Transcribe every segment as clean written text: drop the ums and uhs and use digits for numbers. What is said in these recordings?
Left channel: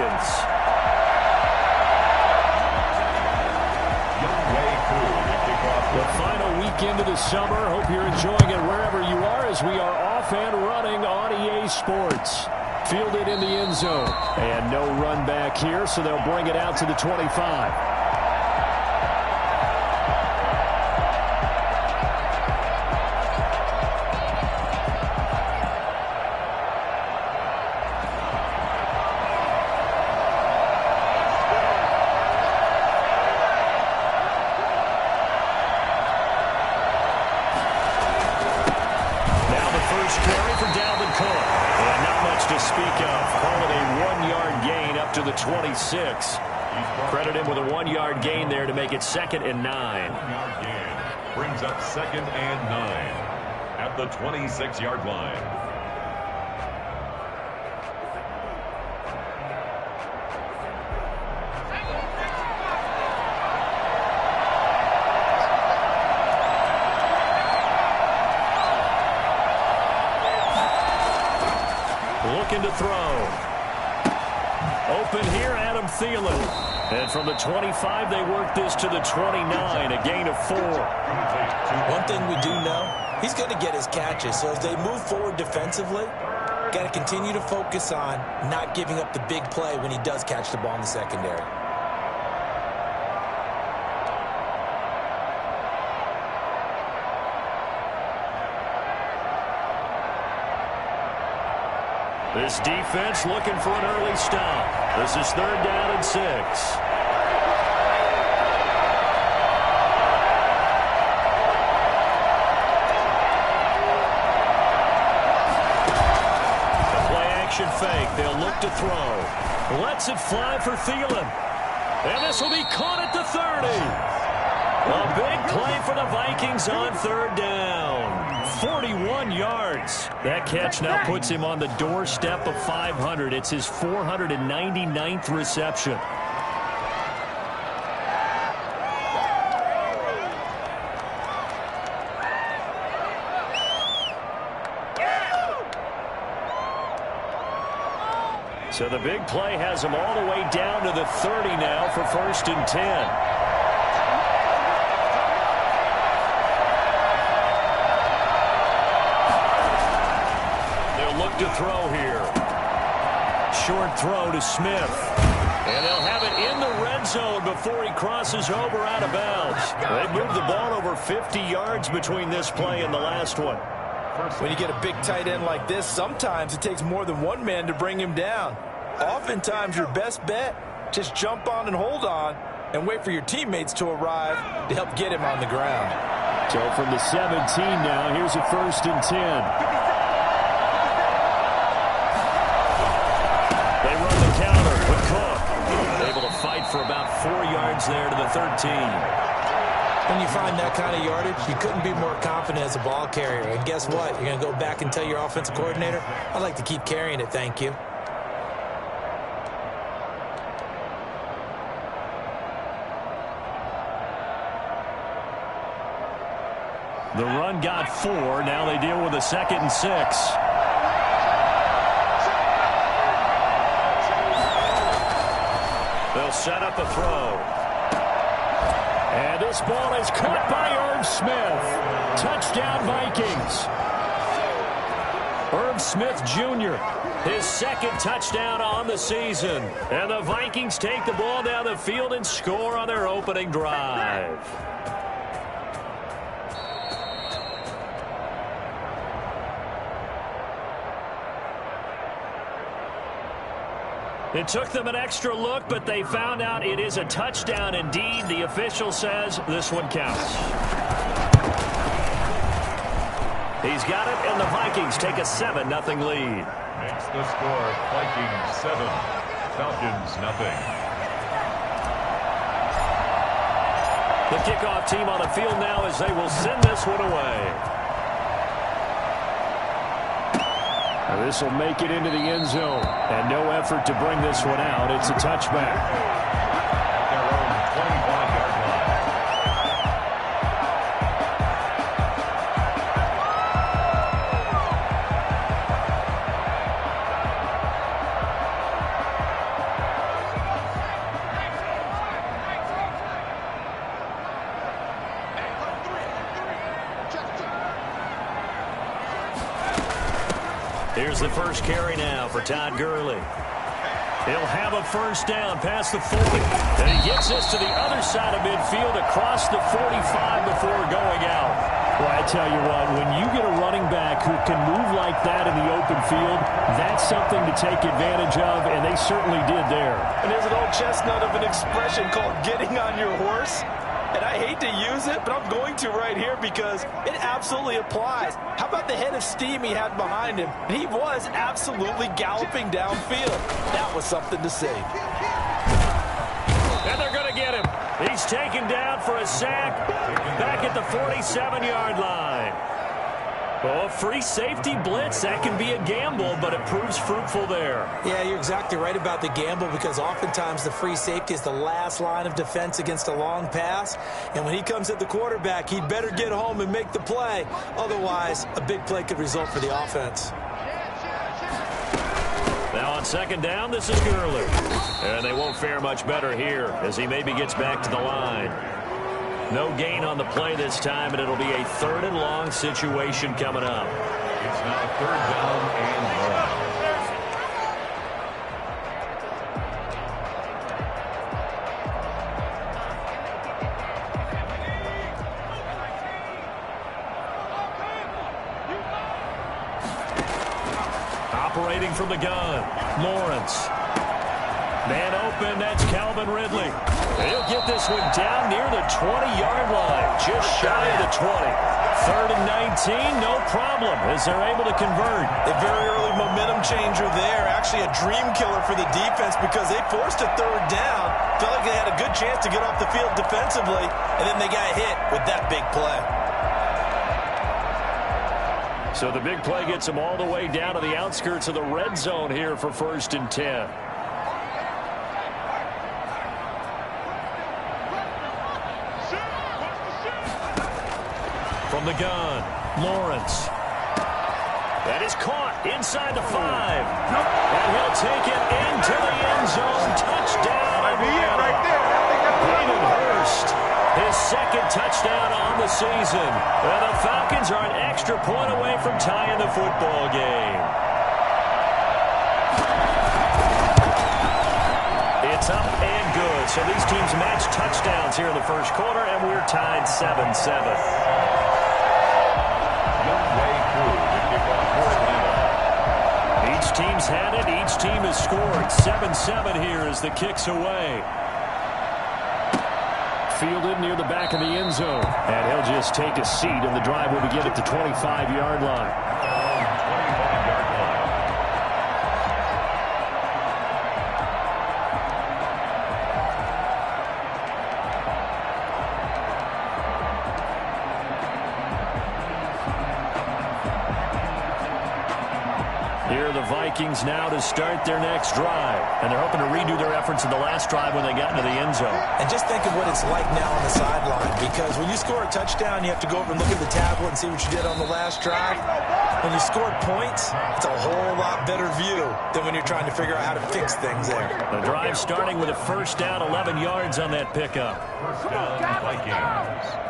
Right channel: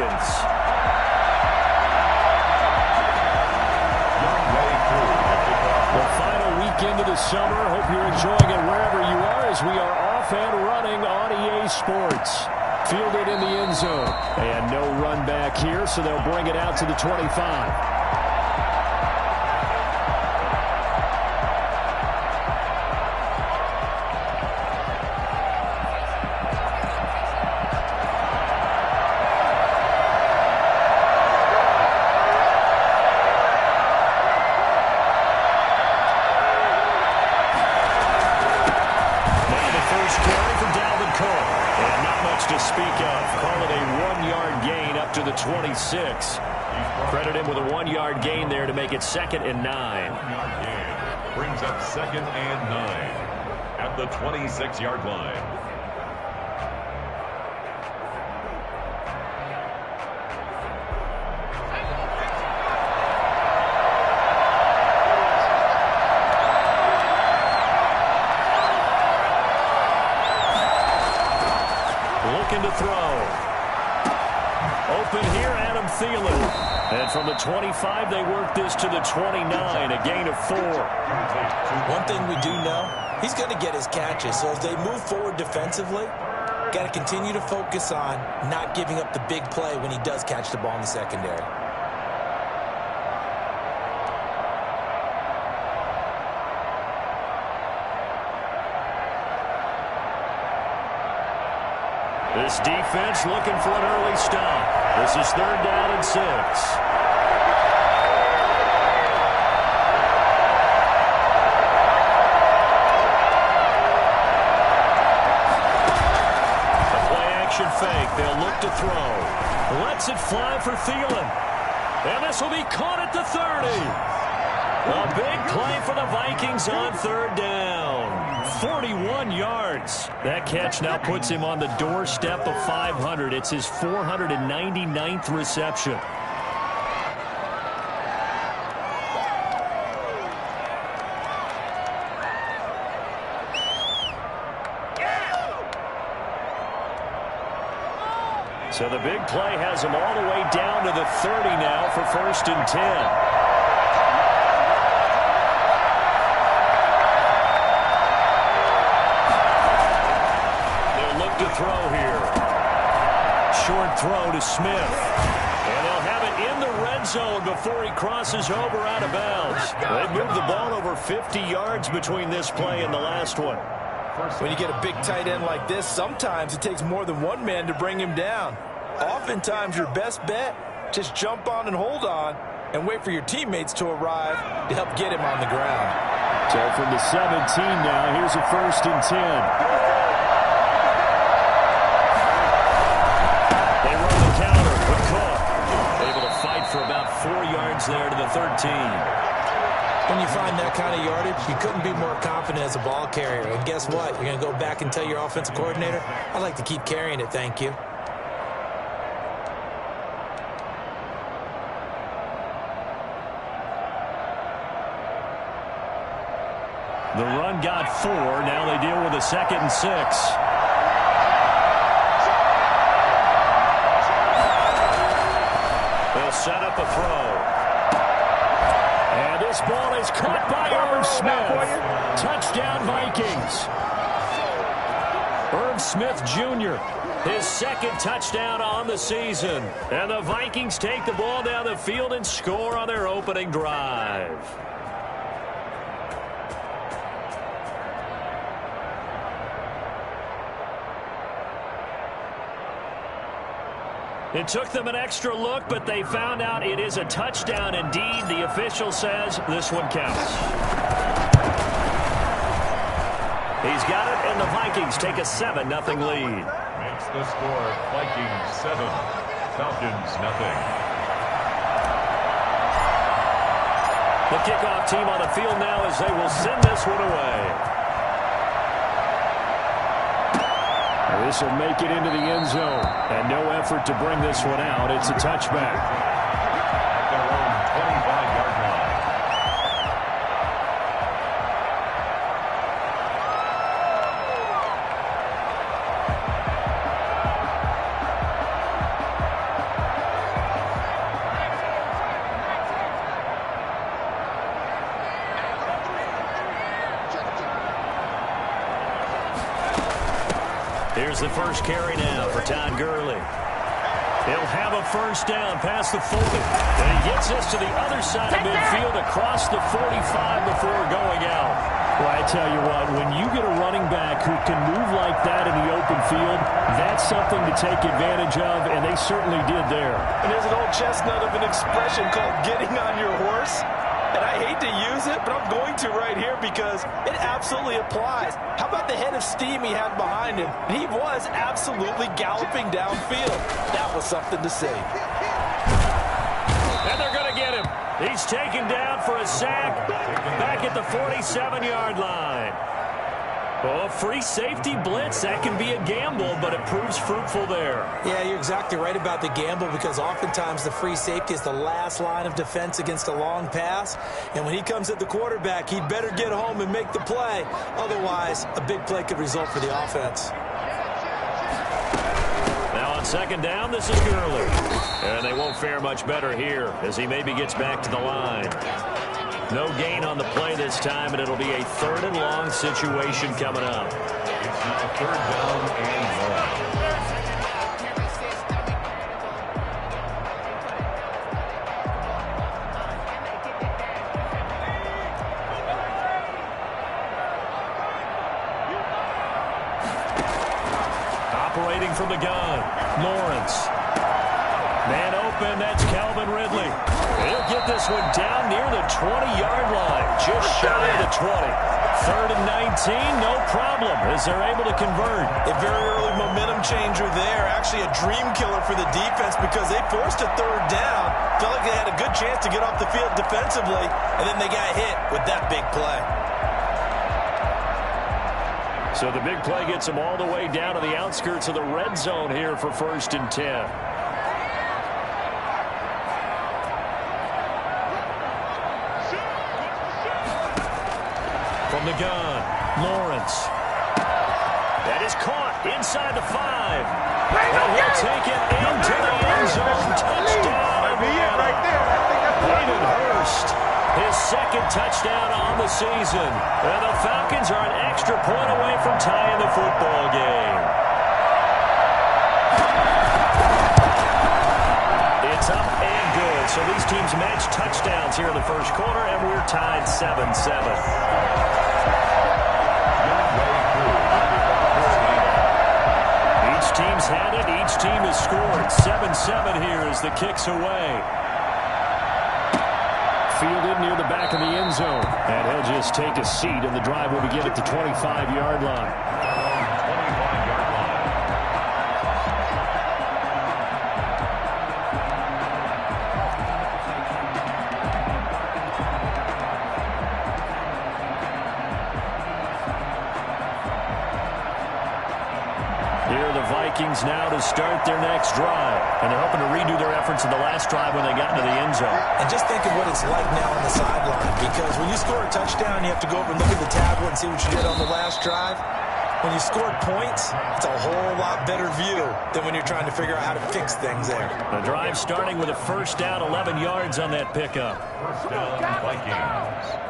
seconds. The final weekend of the summer. Hope you're enjoying it wherever you are as we are off and running on EA Sports. Fielded in the end zone. And no run back here, so they'll bring it out to the 25. To speak of. Call it a 1-yard gain up to the 26. Credit him with a 1-yard gain there to make it 2nd and 9. 1-yard gain brings up 2nd and 9 at the 26-yard line. Looking to throw. Open here, Adam Thielen. And from the 25, they work this to the 29, a gain of 4. One thing we do know, he's going to get his catches. So as they move forward defensively, got to continue to focus on not giving up the big play when he does catch the ball in the secondary. This defense looking for an early stop. This is 3rd down and 6. The play-action fake. They'll look to throw. Lets it fly for Thielen. And this will be caught at the 30. A big play for the Vikings on 3rd down. 41 yards. That catch now puts him on the doorstep of 500. It's his 499th reception. So the big play has him all the way down to the 30 now for 1st and 10. To throw here. Short throw to Smith. And they'll have it in the red zone before he crosses over out of bounds. They've moved the ball over 50 yards between this play and the last one. When you get a big tight end like this, sometimes it takes more than one man to bring him down. Oftentimes your best bet, just jump on and hold on and wait for your teammates to arrive to help get him on the ground. So from the 17 now, here's a 1st and 10. They run the counter with Cook. Able to fight for about 4 yards there to the 13. When you find that kind of yardage, you couldn't be more confident as a ball carrier. And guess what? You're going to go back and tell your offensive coordinator, I'd like to keep carrying it, thank you. The run got 4. Now they deal with a 2nd and 6. They'll set up a throw. And this ball is caught by Irv Smith. Touchdown, Vikings. Irv Smith Jr., his 2nd touchdown on the season. And the Vikings take the ball down the field and score on their opening drive. It took them an extra look, but they found out it is a touchdown indeed. The official says this one counts. He's got it, and the Vikings take a 7-0 lead. Makes the score Vikings 7, Falcons 0. The kickoff team on the field now as they will send this one away. Now this will make it into the end zone. And no effort to bring this one out. It's a touchback. At their own 25-yard line. Here's the first carry now for Todd Gurley. He'll have a first down past the 40. And he gets this to the other side of midfield across the 45 before going out. Well, I tell you what, when you get a running back who can move like that in the open field, that's something to take advantage of, and they certainly did there. And there's an old chestnut of an expression called getting on your horse. And I hate to use it, but I'm going to right here because it absolutely applies. How about the head of steam he had behind him? He was absolutely galloping downfield. That was something to see. And they're going to get him. He's taken down for a sack back at the 47-yard line. Oh, free safety blitz, that can be a gamble, but it proves fruitful there. Yeah, you're exactly right about the gamble because oftentimes the free safety is the last line of defense against a long pass. And when he comes at the quarterback, he'd better get home and make the play. Otherwise, a big play could result for the offense. Now on second down, this is Gurley. And they won't fare much better here as he maybe gets back to the line. No gain on the play this time, and it'll be a 3rd and long situation coming up. It's now 3rd down and 1. Operating from the gun, Lawrence. Man open, that's Calvin Ridley. He'll get this one down near the 20-yard line, just shy of the 20. 3rd and 19, no problem, as they're able to convert. A very early momentum changer there. Actually a dream killer for the defense because they forced a 3rd down. Felt like they had a good chance to get off the field defensively, and then they got hit with that big play. So the big play gets them all the way down to the outskirts of the red zone here for 1st and 10. From the gun, Lawrence. That is caught inside the 5. And he'll take it into the end zone. Touchdown, Atlanta. Hayden Hurst, his 2nd touchdown on the season. And the Falcons are an extra point away from tying the football game. It's up and good. So these teams match touchdowns here in the 1st quarter, and we're tied 7-7. Each team's had it. Each team has scored. 7-7 here as the kick's away. Fielded near the back of the end zone. And he'll just take a seat, and the drive will begin at the 25-yard line. 25-yard line. Here are the Vikings now to start their next drive. And they're hoping to redo their efforts in the last drive when they got into the end zone. And just think of what it's like now on the sideline, because when you score a touchdown, you have to go over and look at the tablet and see what you did on the last drive. When you scored points, it's a whole lot better view than when you're trying to figure out how to fix things there. The drive starting with a first down, 11 yards on that pickup. First down, Vikings.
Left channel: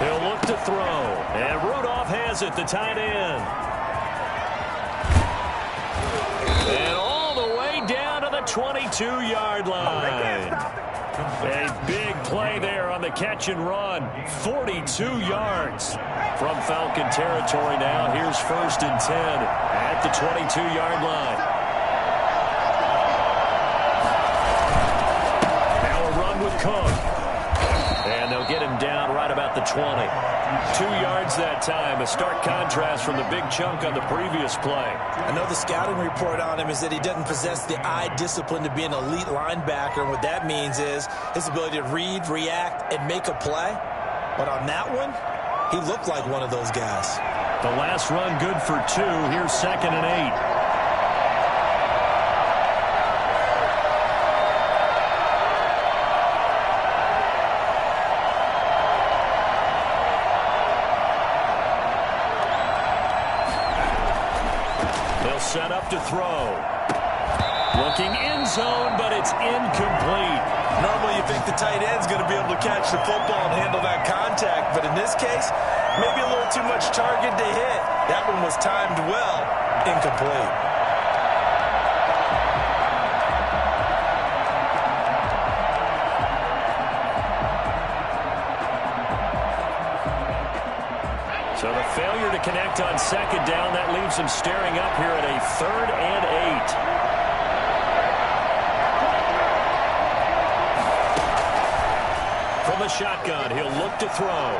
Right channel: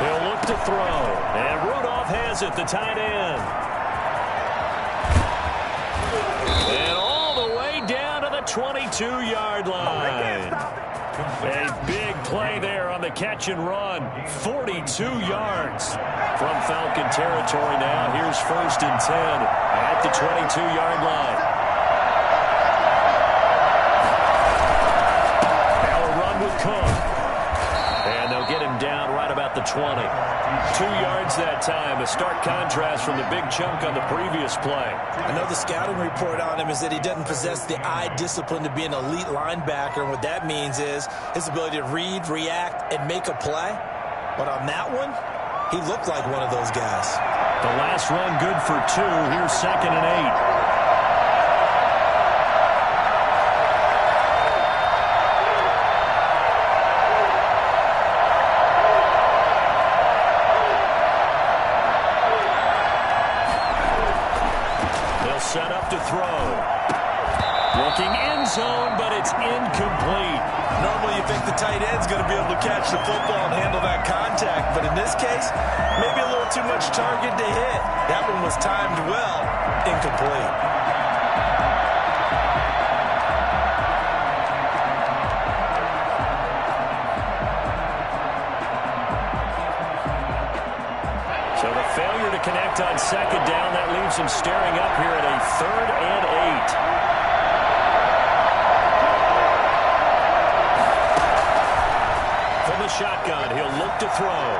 He'll look to throw. And Rudolph has it, the tight end. And all the way down to the 22-yard line. A big play there on the catch and run. 42 yards from Falcon territory now. Here's 1st and 10 at the 22-yard line. Now a run with Cook. And they'll get him down right about the 20. 2 yards that time. A stark contrast from the big chunk on the previous play. I know the scouting report on him is that he doesn't possess the eye discipline to be an elite linebacker. And what that means is his ability to read, react, and make a play. But on that one, he looked like one of those guys. The last run good for 2. Here's 2nd and 8. to throw. Looking end zone, but it's incomplete. Normally you think the tight end's going to be able to catch the football and handle that contact, but in this case, maybe a little too much target to hit. That one was timed well, incomplete. So the failure to connect on second down, that leaves him staring up here at a 3rd and 8. From the shotgun, he'll look to throw.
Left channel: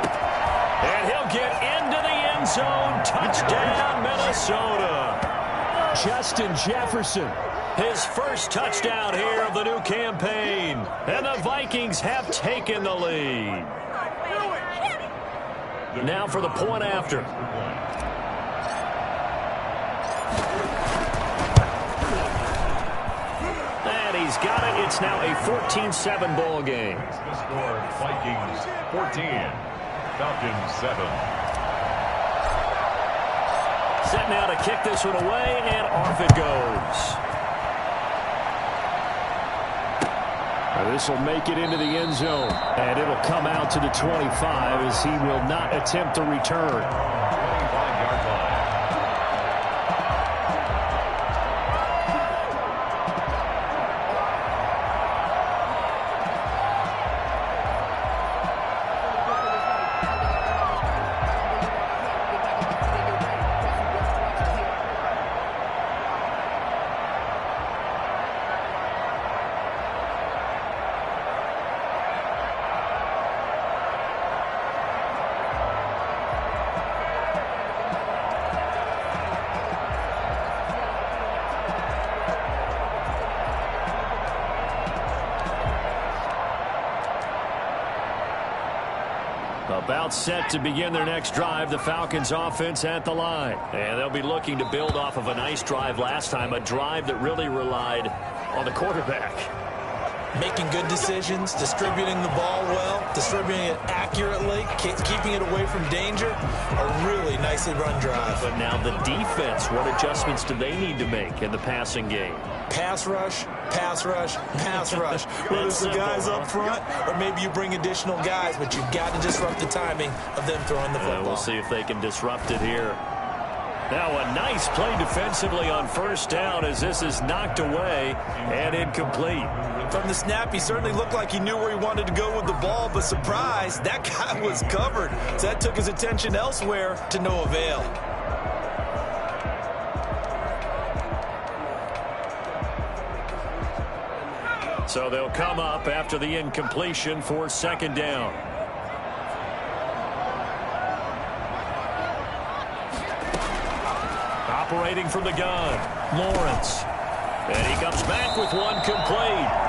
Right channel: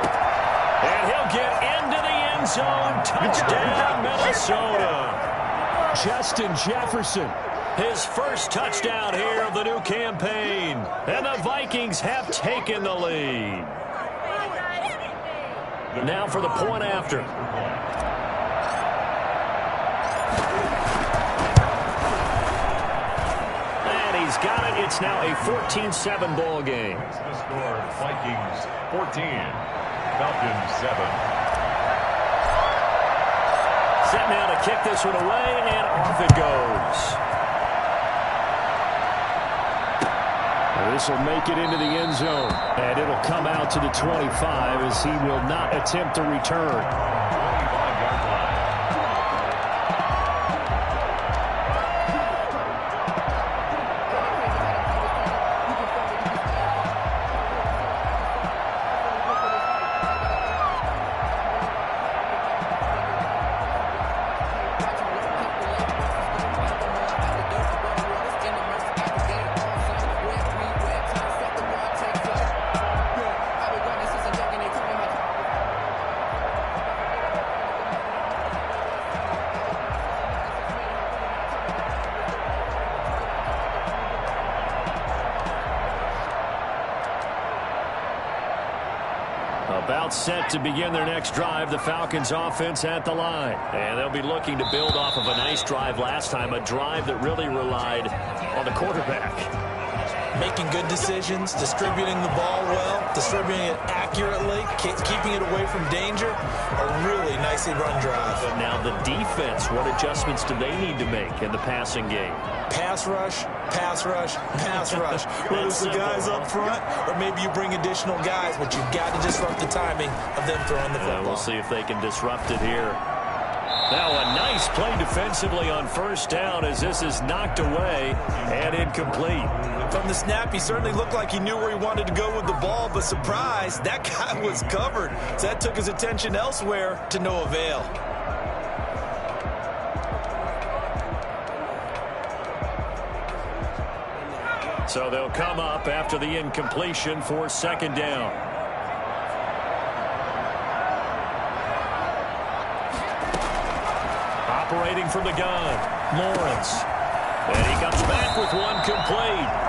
And he'll get into the end zone. Touchdown, Minnesota. Justin Jefferson. His first touchdown here of the new campaign. And the Vikings have taken the lead. Now for the point after. And he's got it. It's now a 14-7 ball game. The score, Vikings 14, Falcons 7. Set now to kick this one away, and off it goes. This will make it into the end zone, and it'll come out to the 25 as he will not attempt to return. 25-yard line. About set to begin their next drive, the Falcons offense at the line. And they'll be looking to build off of a nice drive last time, a drive that really relied on the quarterback. Making good decisions, distributing the ball well, distributing it accurately, keeping it away from danger. A really nicely run drive. But now the defense, what adjustments do they need to make in the passing game? Pass rush, pass rush, pass rush. Whether it's the guys up front or maybe you bring additional guys, but you've got to disrupt the timing of them throwing the football. We'll see if they can disrupt it here. Now a nice play defensively on first down as this is knocked away and incomplete. From the snap, he certainly looked like he knew where he wanted to go with the ball, but surprise, that guy was covered. So that took his attention elsewhere to no avail. So they'll come up after the incompletion for second down. Operating from the gun, Lawrence. And he comes back with one complete.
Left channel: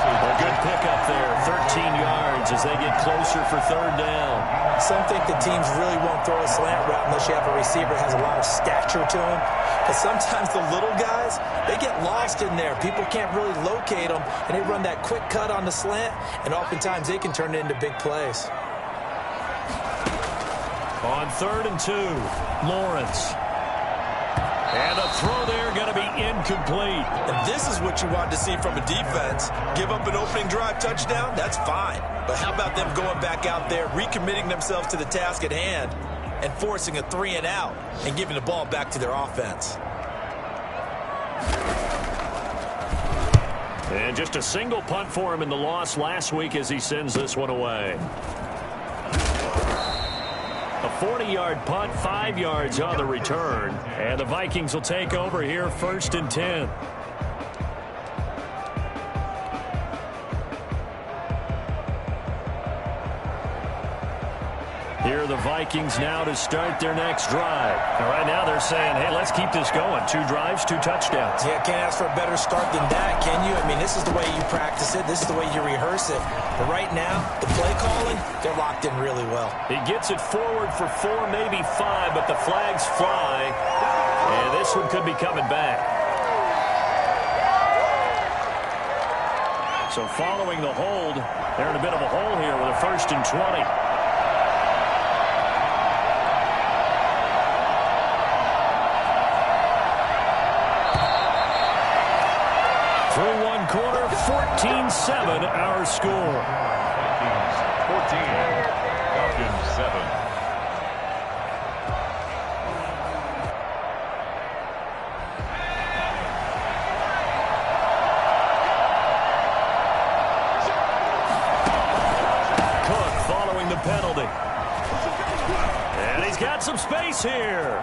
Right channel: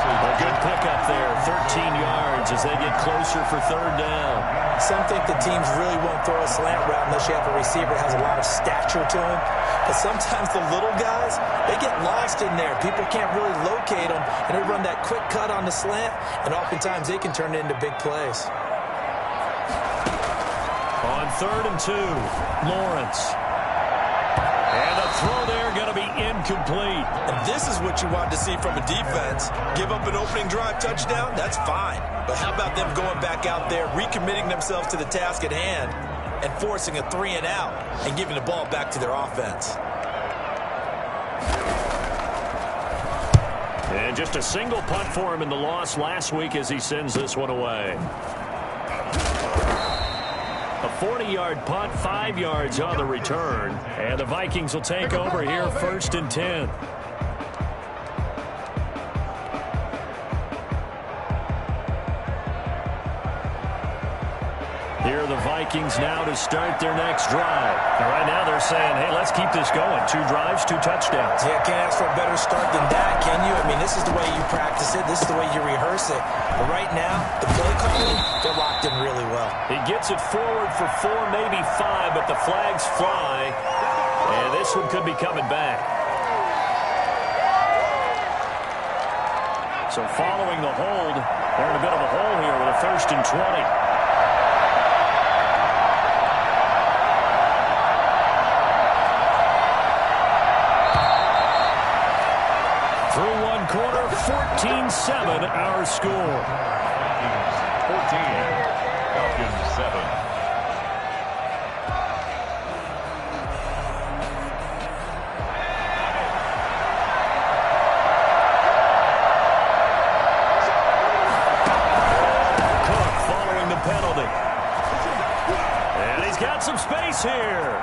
A good pickup there, 13 yards as they get closer for third down. Some think the teams really won't throw a slant route unless you have a receiver that has a lot of stature to him. But sometimes the little guys, they get lost in there. People can't really locate them, and they run that quick cut on the slant, and oftentimes they can turn it into big plays. On 3rd and 2, Lawrence. And the throw there going to be incomplete. And this is what you want to see from a defense. Give up an opening drive touchdown, that's fine. But how about them going back out there, recommitting themselves to the task at hand, and forcing a 3 and out, and giving the ball back to their offense. And just a single punt for him in the loss last week as he sends this one away. A 40-yard punt, 5 yards on the return. And the Vikings will take over here 1st and 10. Here are the Vikings now to start their next drive. And right now they're saying, hey, let's keep this going. 2 drives, 2 touchdowns. Yeah, can't ask for a better start than that, can you? I mean, this is the way you practice it. This is the way you rehearse it. But right now, the play calling, they're locked in really well. He gets it forward for 4, maybe 5, but the flags fly. And this one could be coming back. So following the hold, they're in a bit of a hole here with a 1st and 20. 14-7 our score. Vikings 14, Falcons 7. Cook following the penalty. And he's got some space here.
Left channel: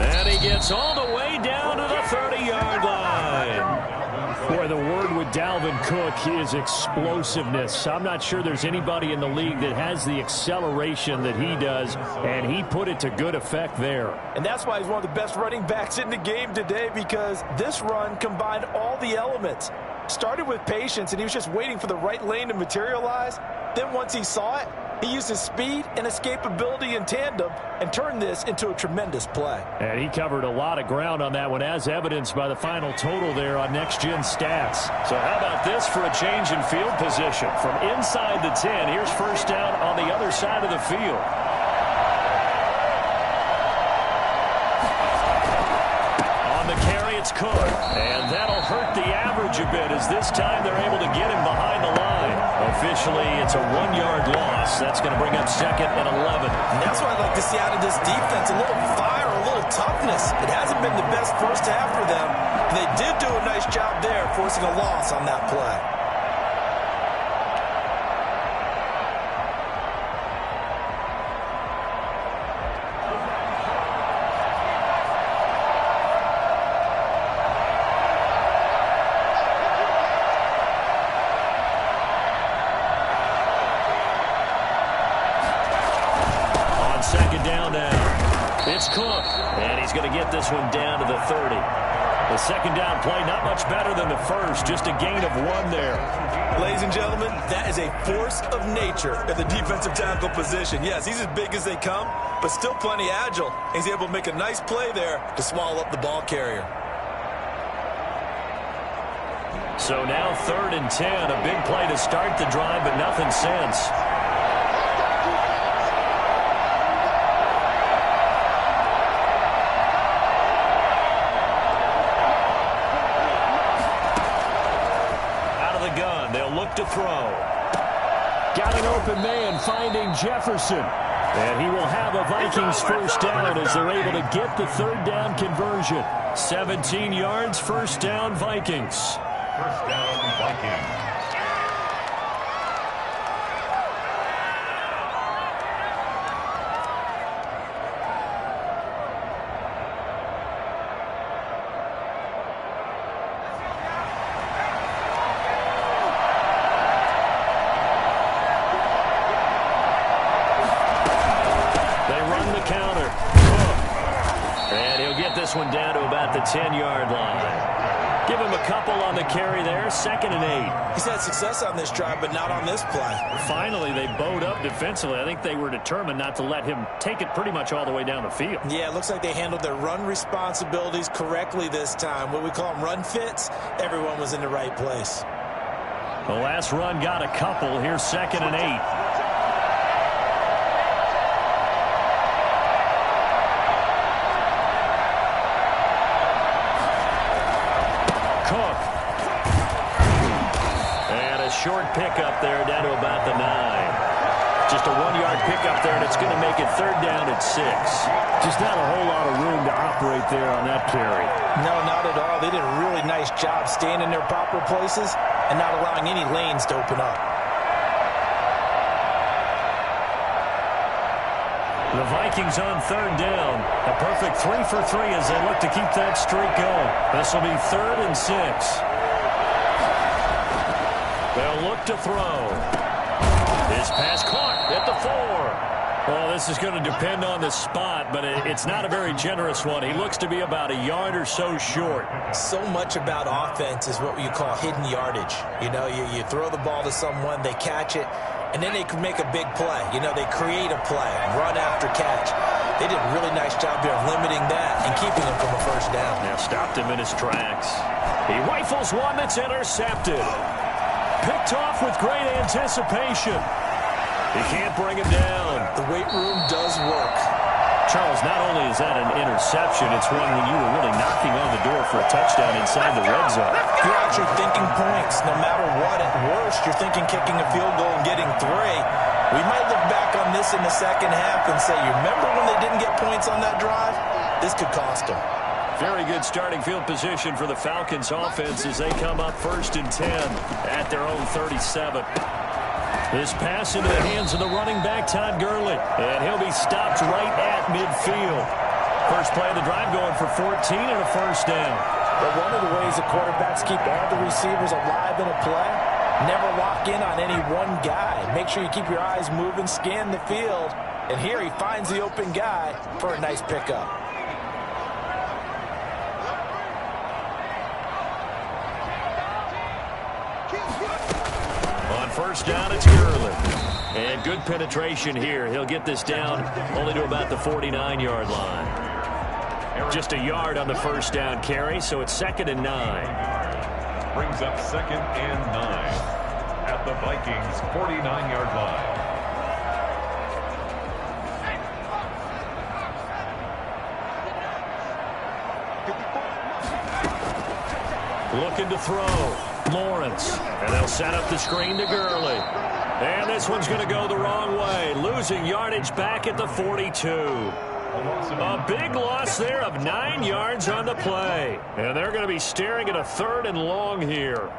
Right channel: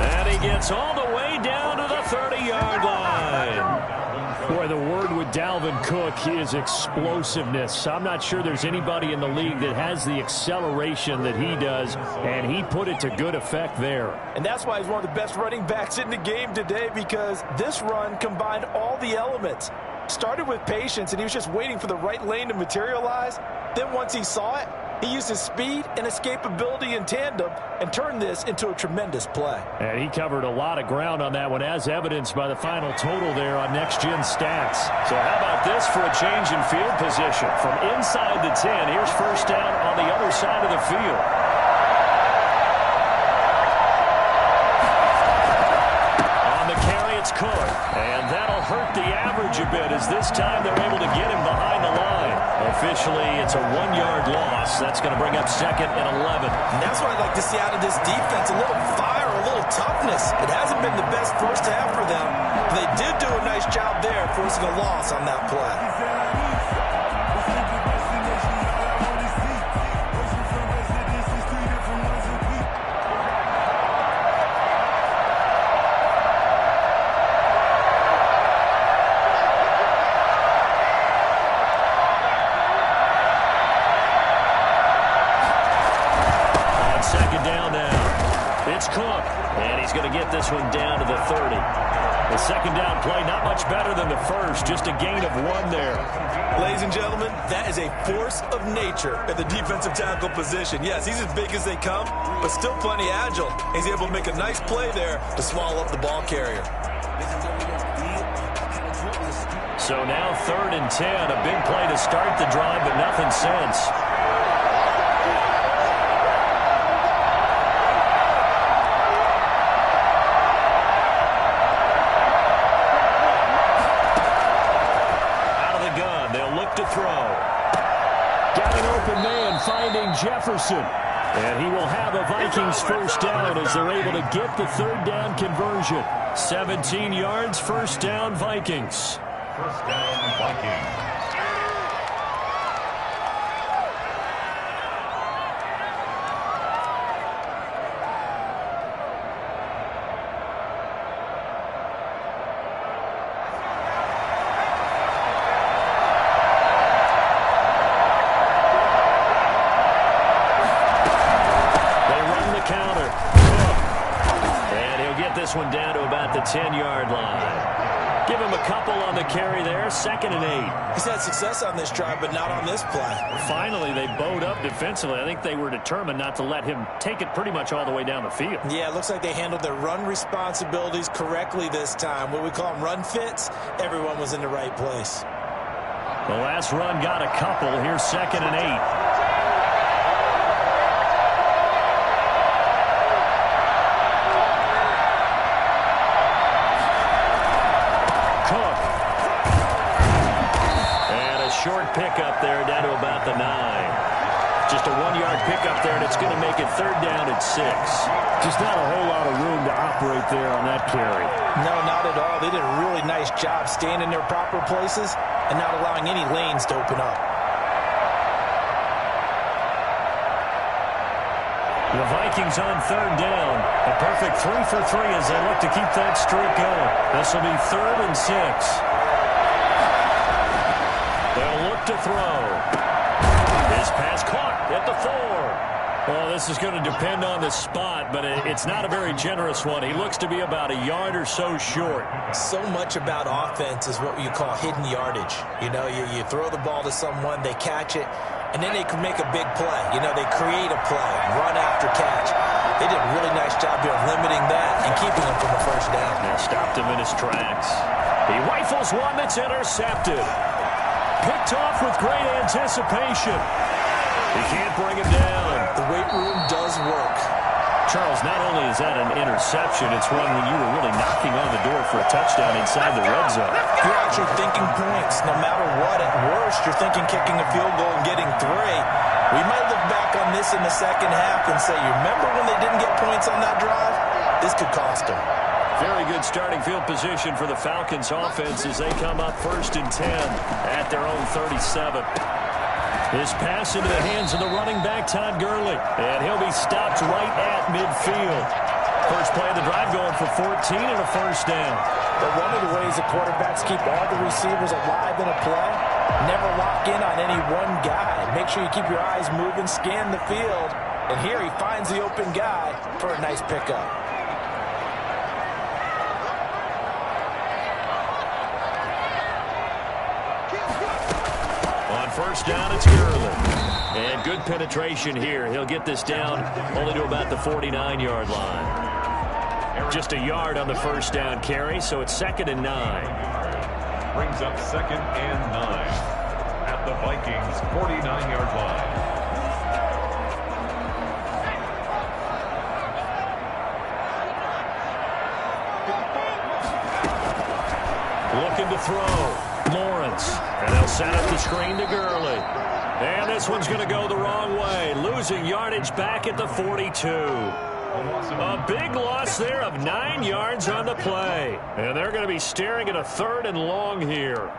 And he gets all the way down to the 30-yard line. Boy, the word with Dalvin Cook is explosiveness. I'm not sure there's anybody in the league that has the acceleration that he does, and he put it to good effect there. And that's why he's one of the best running backs in the game today, because this run combined all the elements. Started with patience, and he was just waiting for the right lane to materialize. Then once he saw it, he used his speed and escapability in tandem and turned this into a tremendous play. And he covered a lot of ground on that one, as evidenced by the final total there on Next Gen Stats. So how about this for a change in field position? From inside the 10, here's first down on the other side of the field. On the carry, it's Cook. And that'll hurt the average a bit, as this time they're able to get him behind the line. Officially, it's a 1-yard loss. That's going to bring up second and 11. And that's what I'd like to see out of this defense, a little fire, a little toughness. It hasn't been the best first half for them, but they did do a nice job there, forcing a loss on that play. Second down now. It's Cook, and he's going to get this one down to the 30. The second down play, not much better than the first, just a gain of 1 there. Ladies and gentlemen, that is a force of nature at the defensive tackle position. Yes, he's as big as they come, but still plenty agile. He's able to make a nice play there to swallow up the ball carrier. So now 3rd and 10, a big play to start the drive, but nothing since. They'll look to throw. Got an open man finding Jefferson. And he will have a Vikings first down as they're able to get the 3rd down conversion. 17 yards, first down, Vikings. First down, Vikings. Counter. And he'll get this one down to about the 10-yard line. Give him a couple on the carry there. 2nd and 8. He's had success on this drive, but not on this play. Finally, they bowed up defensively. I think they were determined not to let him take it pretty much all the way down the field. Yeah, it looks like they handled their run responsibilities correctly this time. What we call them run fits, everyone was in the right place. The last run got a couple. Here's 2nd and 8. Cook. And a short pickup there down to about the 9. Just a 1-yard pickup there, and it's going to make it 3rd down at 6. Just not a whole lot of room to operate there on that carry. No, not at all. They did a really nice job staying in their proper places and not allowing any lanes to open up. The Vikings on 3rd down. A perfect 3 for 3 as they look to keep that streak going. This will be 3rd and 6. They'll look to throw. His pass caught at the 4. Well, this is going to depend on the spot, but it's not a very generous one. He looks to be about a yard or so short. So much about offense is what you call hidden yardage. You know, you throw the ball to someone, they catch it, and then they can make a big play. You know, they create a play, run after catch. They did a really nice job here of limiting that and keeping him from a first down. Yeah, stopped him in his tracks. He rifles one that's intercepted. Picked off with great anticipation. He can't bring him down. The weight room does work. Charles, not only is that an interception, it's one when you were really knocking on the door for a touchdown inside the red zone. You're actually thinking points. No matter what, at worst, you're thinking kicking a field goal and getting 3. We might look back on this in the second half and say, you remember when they didn't get points on that drive? This could cost them. Very good starting field position for the Falcons offense as they come up 1st and 10 at their own 37. This pass into the hands of the running back, Todd Gurley. And he'll be stopped right at midfield. First play of the drive going for 14 and a first down. But one of the ways that quarterbacks keep all the receivers alive in a play, never lock in on any one guy. Make sure you keep your eyes moving, scan the field. And here he finds the open guy for a nice pickup. On first down, it's Gurley. And good penetration here. He'll get this down only to about the 49-yard line. Just a yard on the first down carry, so it's 2nd and 9. Brings up 2nd and 9 at the Vikings' 49-yard line. Looking to throw. Lawrence. And they'll set up the screen to Gurley. And this one's going to go the wrong way. Losing yardage back at the 42. A big loss there of 9 yards on the play. And they're going to be staring at a 3rd and long here.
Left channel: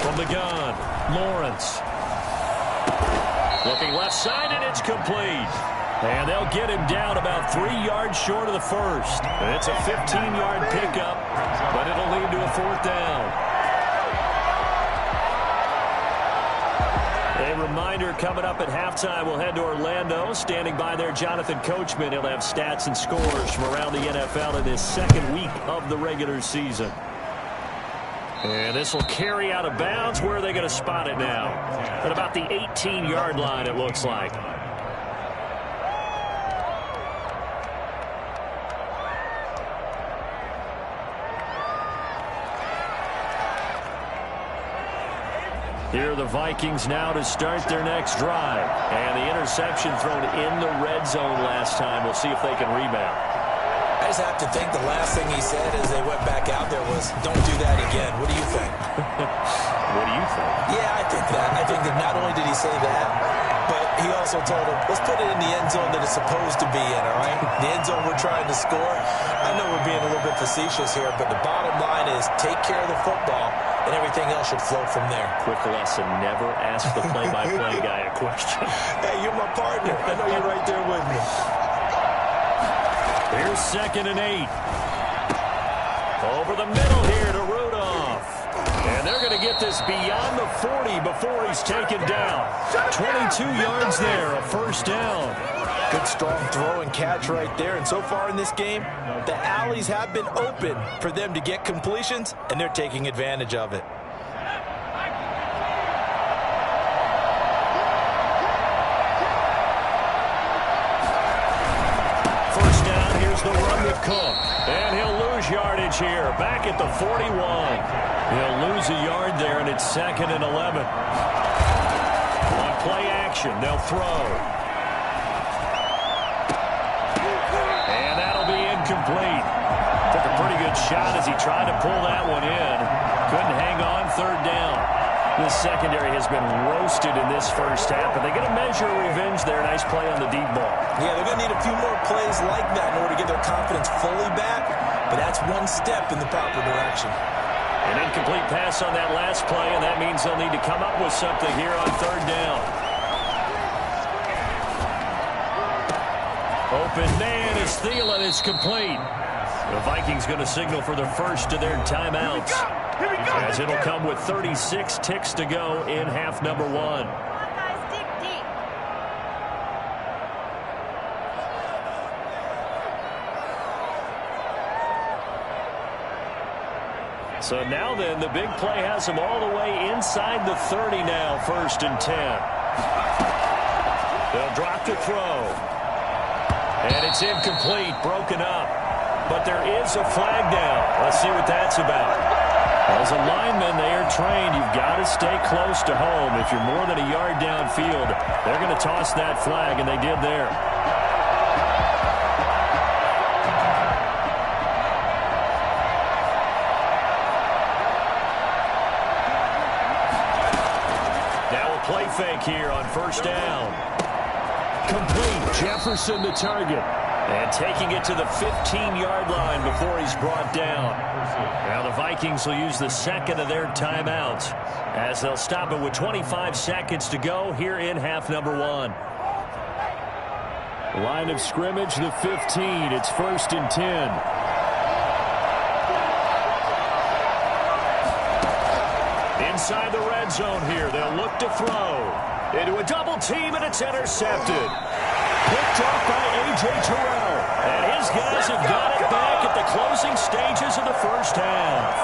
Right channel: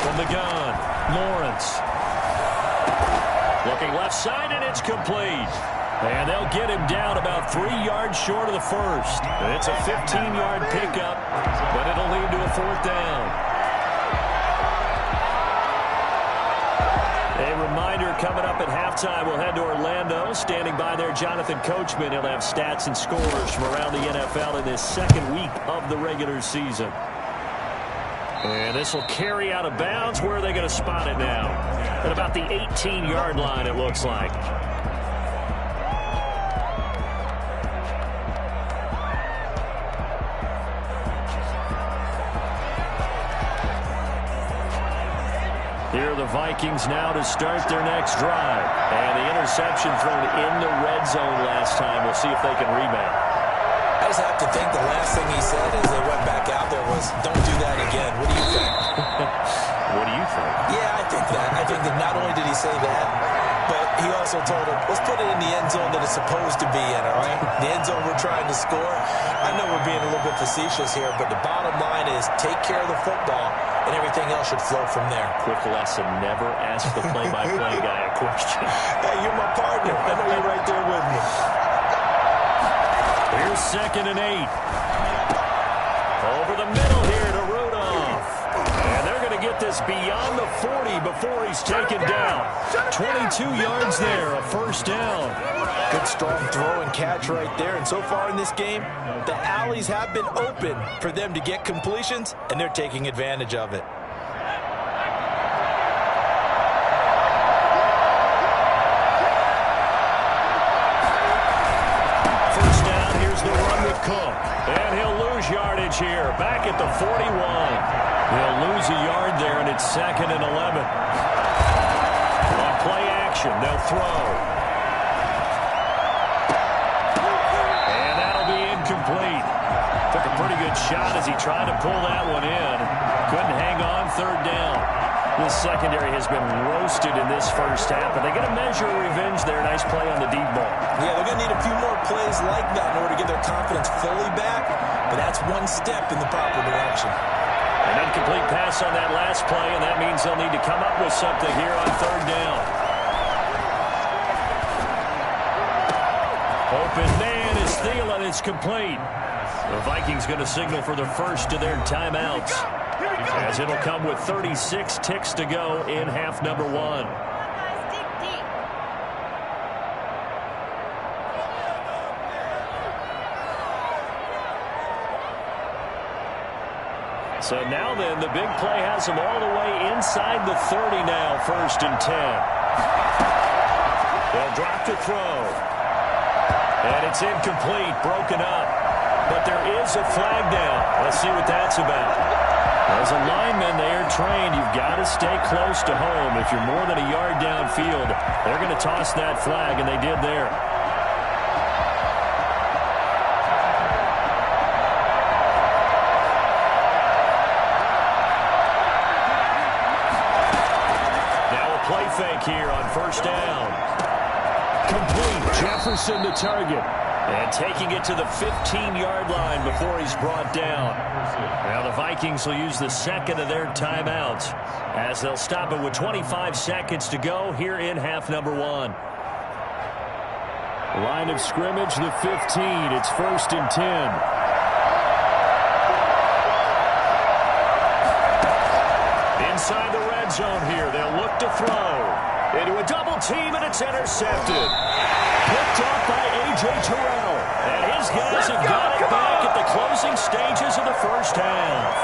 From the gun, Lawrence. Looking left side, and it's complete. And they'll get him down about 3 yards short of the first. It's a 15-yard pickup, but it'll lead to a 4th down. A reminder coming up at halftime, we'll head to Orlando. Standing by there, Jonathan Coachman. He'll have stats and scores from around the NFL in this 2nd week of the regular season. And this will carry out of bounds. Where are they going to spot it now? At about the 18-yard line, it looks like. Here are the Vikings now to start their next drive. And the interception thrown in the red zone last time. We'll see if they can rebound. I just have to think the last thing he said as they went back out there was, don't do that again. What do you think? What do you think? Yeah, I think that. I think that not only did he say that, but he also told him, let's put it in the end zone that it's supposed to be in, all right? The end zone we're trying to score. I know we're being a little bit facetious here, but the bottom line is take care of the football, and everything else should flow from there. Quick lesson, never ask the play-by-play guy a question. Hey, you're my partner. I know you're right there with me. Here's 2nd and 8. Over the middle here to Rudolph. And they're going to get this beyond the 40 before he's taken down. 22 yards there, a first down. Good strong throw and catch right there. And so far in this game, the alleys have been open for them to get completions, and they're taking advantage of it. First down, here's the run with Cook. And he'll lose yardage here, back at the 41. He'll lose a yard there, and it's 2nd and 11. On play action, they'll throw. And that'll be incomplete. Took a pretty good shot as he tried to pull that one in. Couldn't hang on, 3rd down. This secondary has been roasted in this first half, and they're going to measure revenge there. Nice play on the deep ball. Yeah, they're going to need a few more plays like that in order to get their confidence fully back, but that's one step in the proper direction. An incomplete pass on that last play, and that means they'll need to come up with something here on 3rd down. Open man is Thielen. It's complete. The Vikings going to signal for the first of their timeouts, as it'll come with 36 ticks to go in half number 1. Come on, guys, dig deep. So now then, the big play has them all the way inside the 30 now, 1st and 10. They'll drop to throw. And it's incomplete, broken up. but there is a flag down. Let's see what that's about. As a lineman, they are trained. You've got to stay close to home. If you're more than a yard downfield, they're going to toss that flag, and they did there. Now a play fake here on first down. Complete. Jefferson the target. And taking it to the 15-yard line before he's brought down. Now the Vikings will use the second of their timeouts as they'll stop it with 25 seconds to go here in half number 1. Line of scrimmage, the 15. It's 1st and 10. Inside the red zone here, they'll look to throw. Into a double team, and it's intercepted. Picked off by A.J. Terrell. And his guys have got it back at the closing stages of the first half.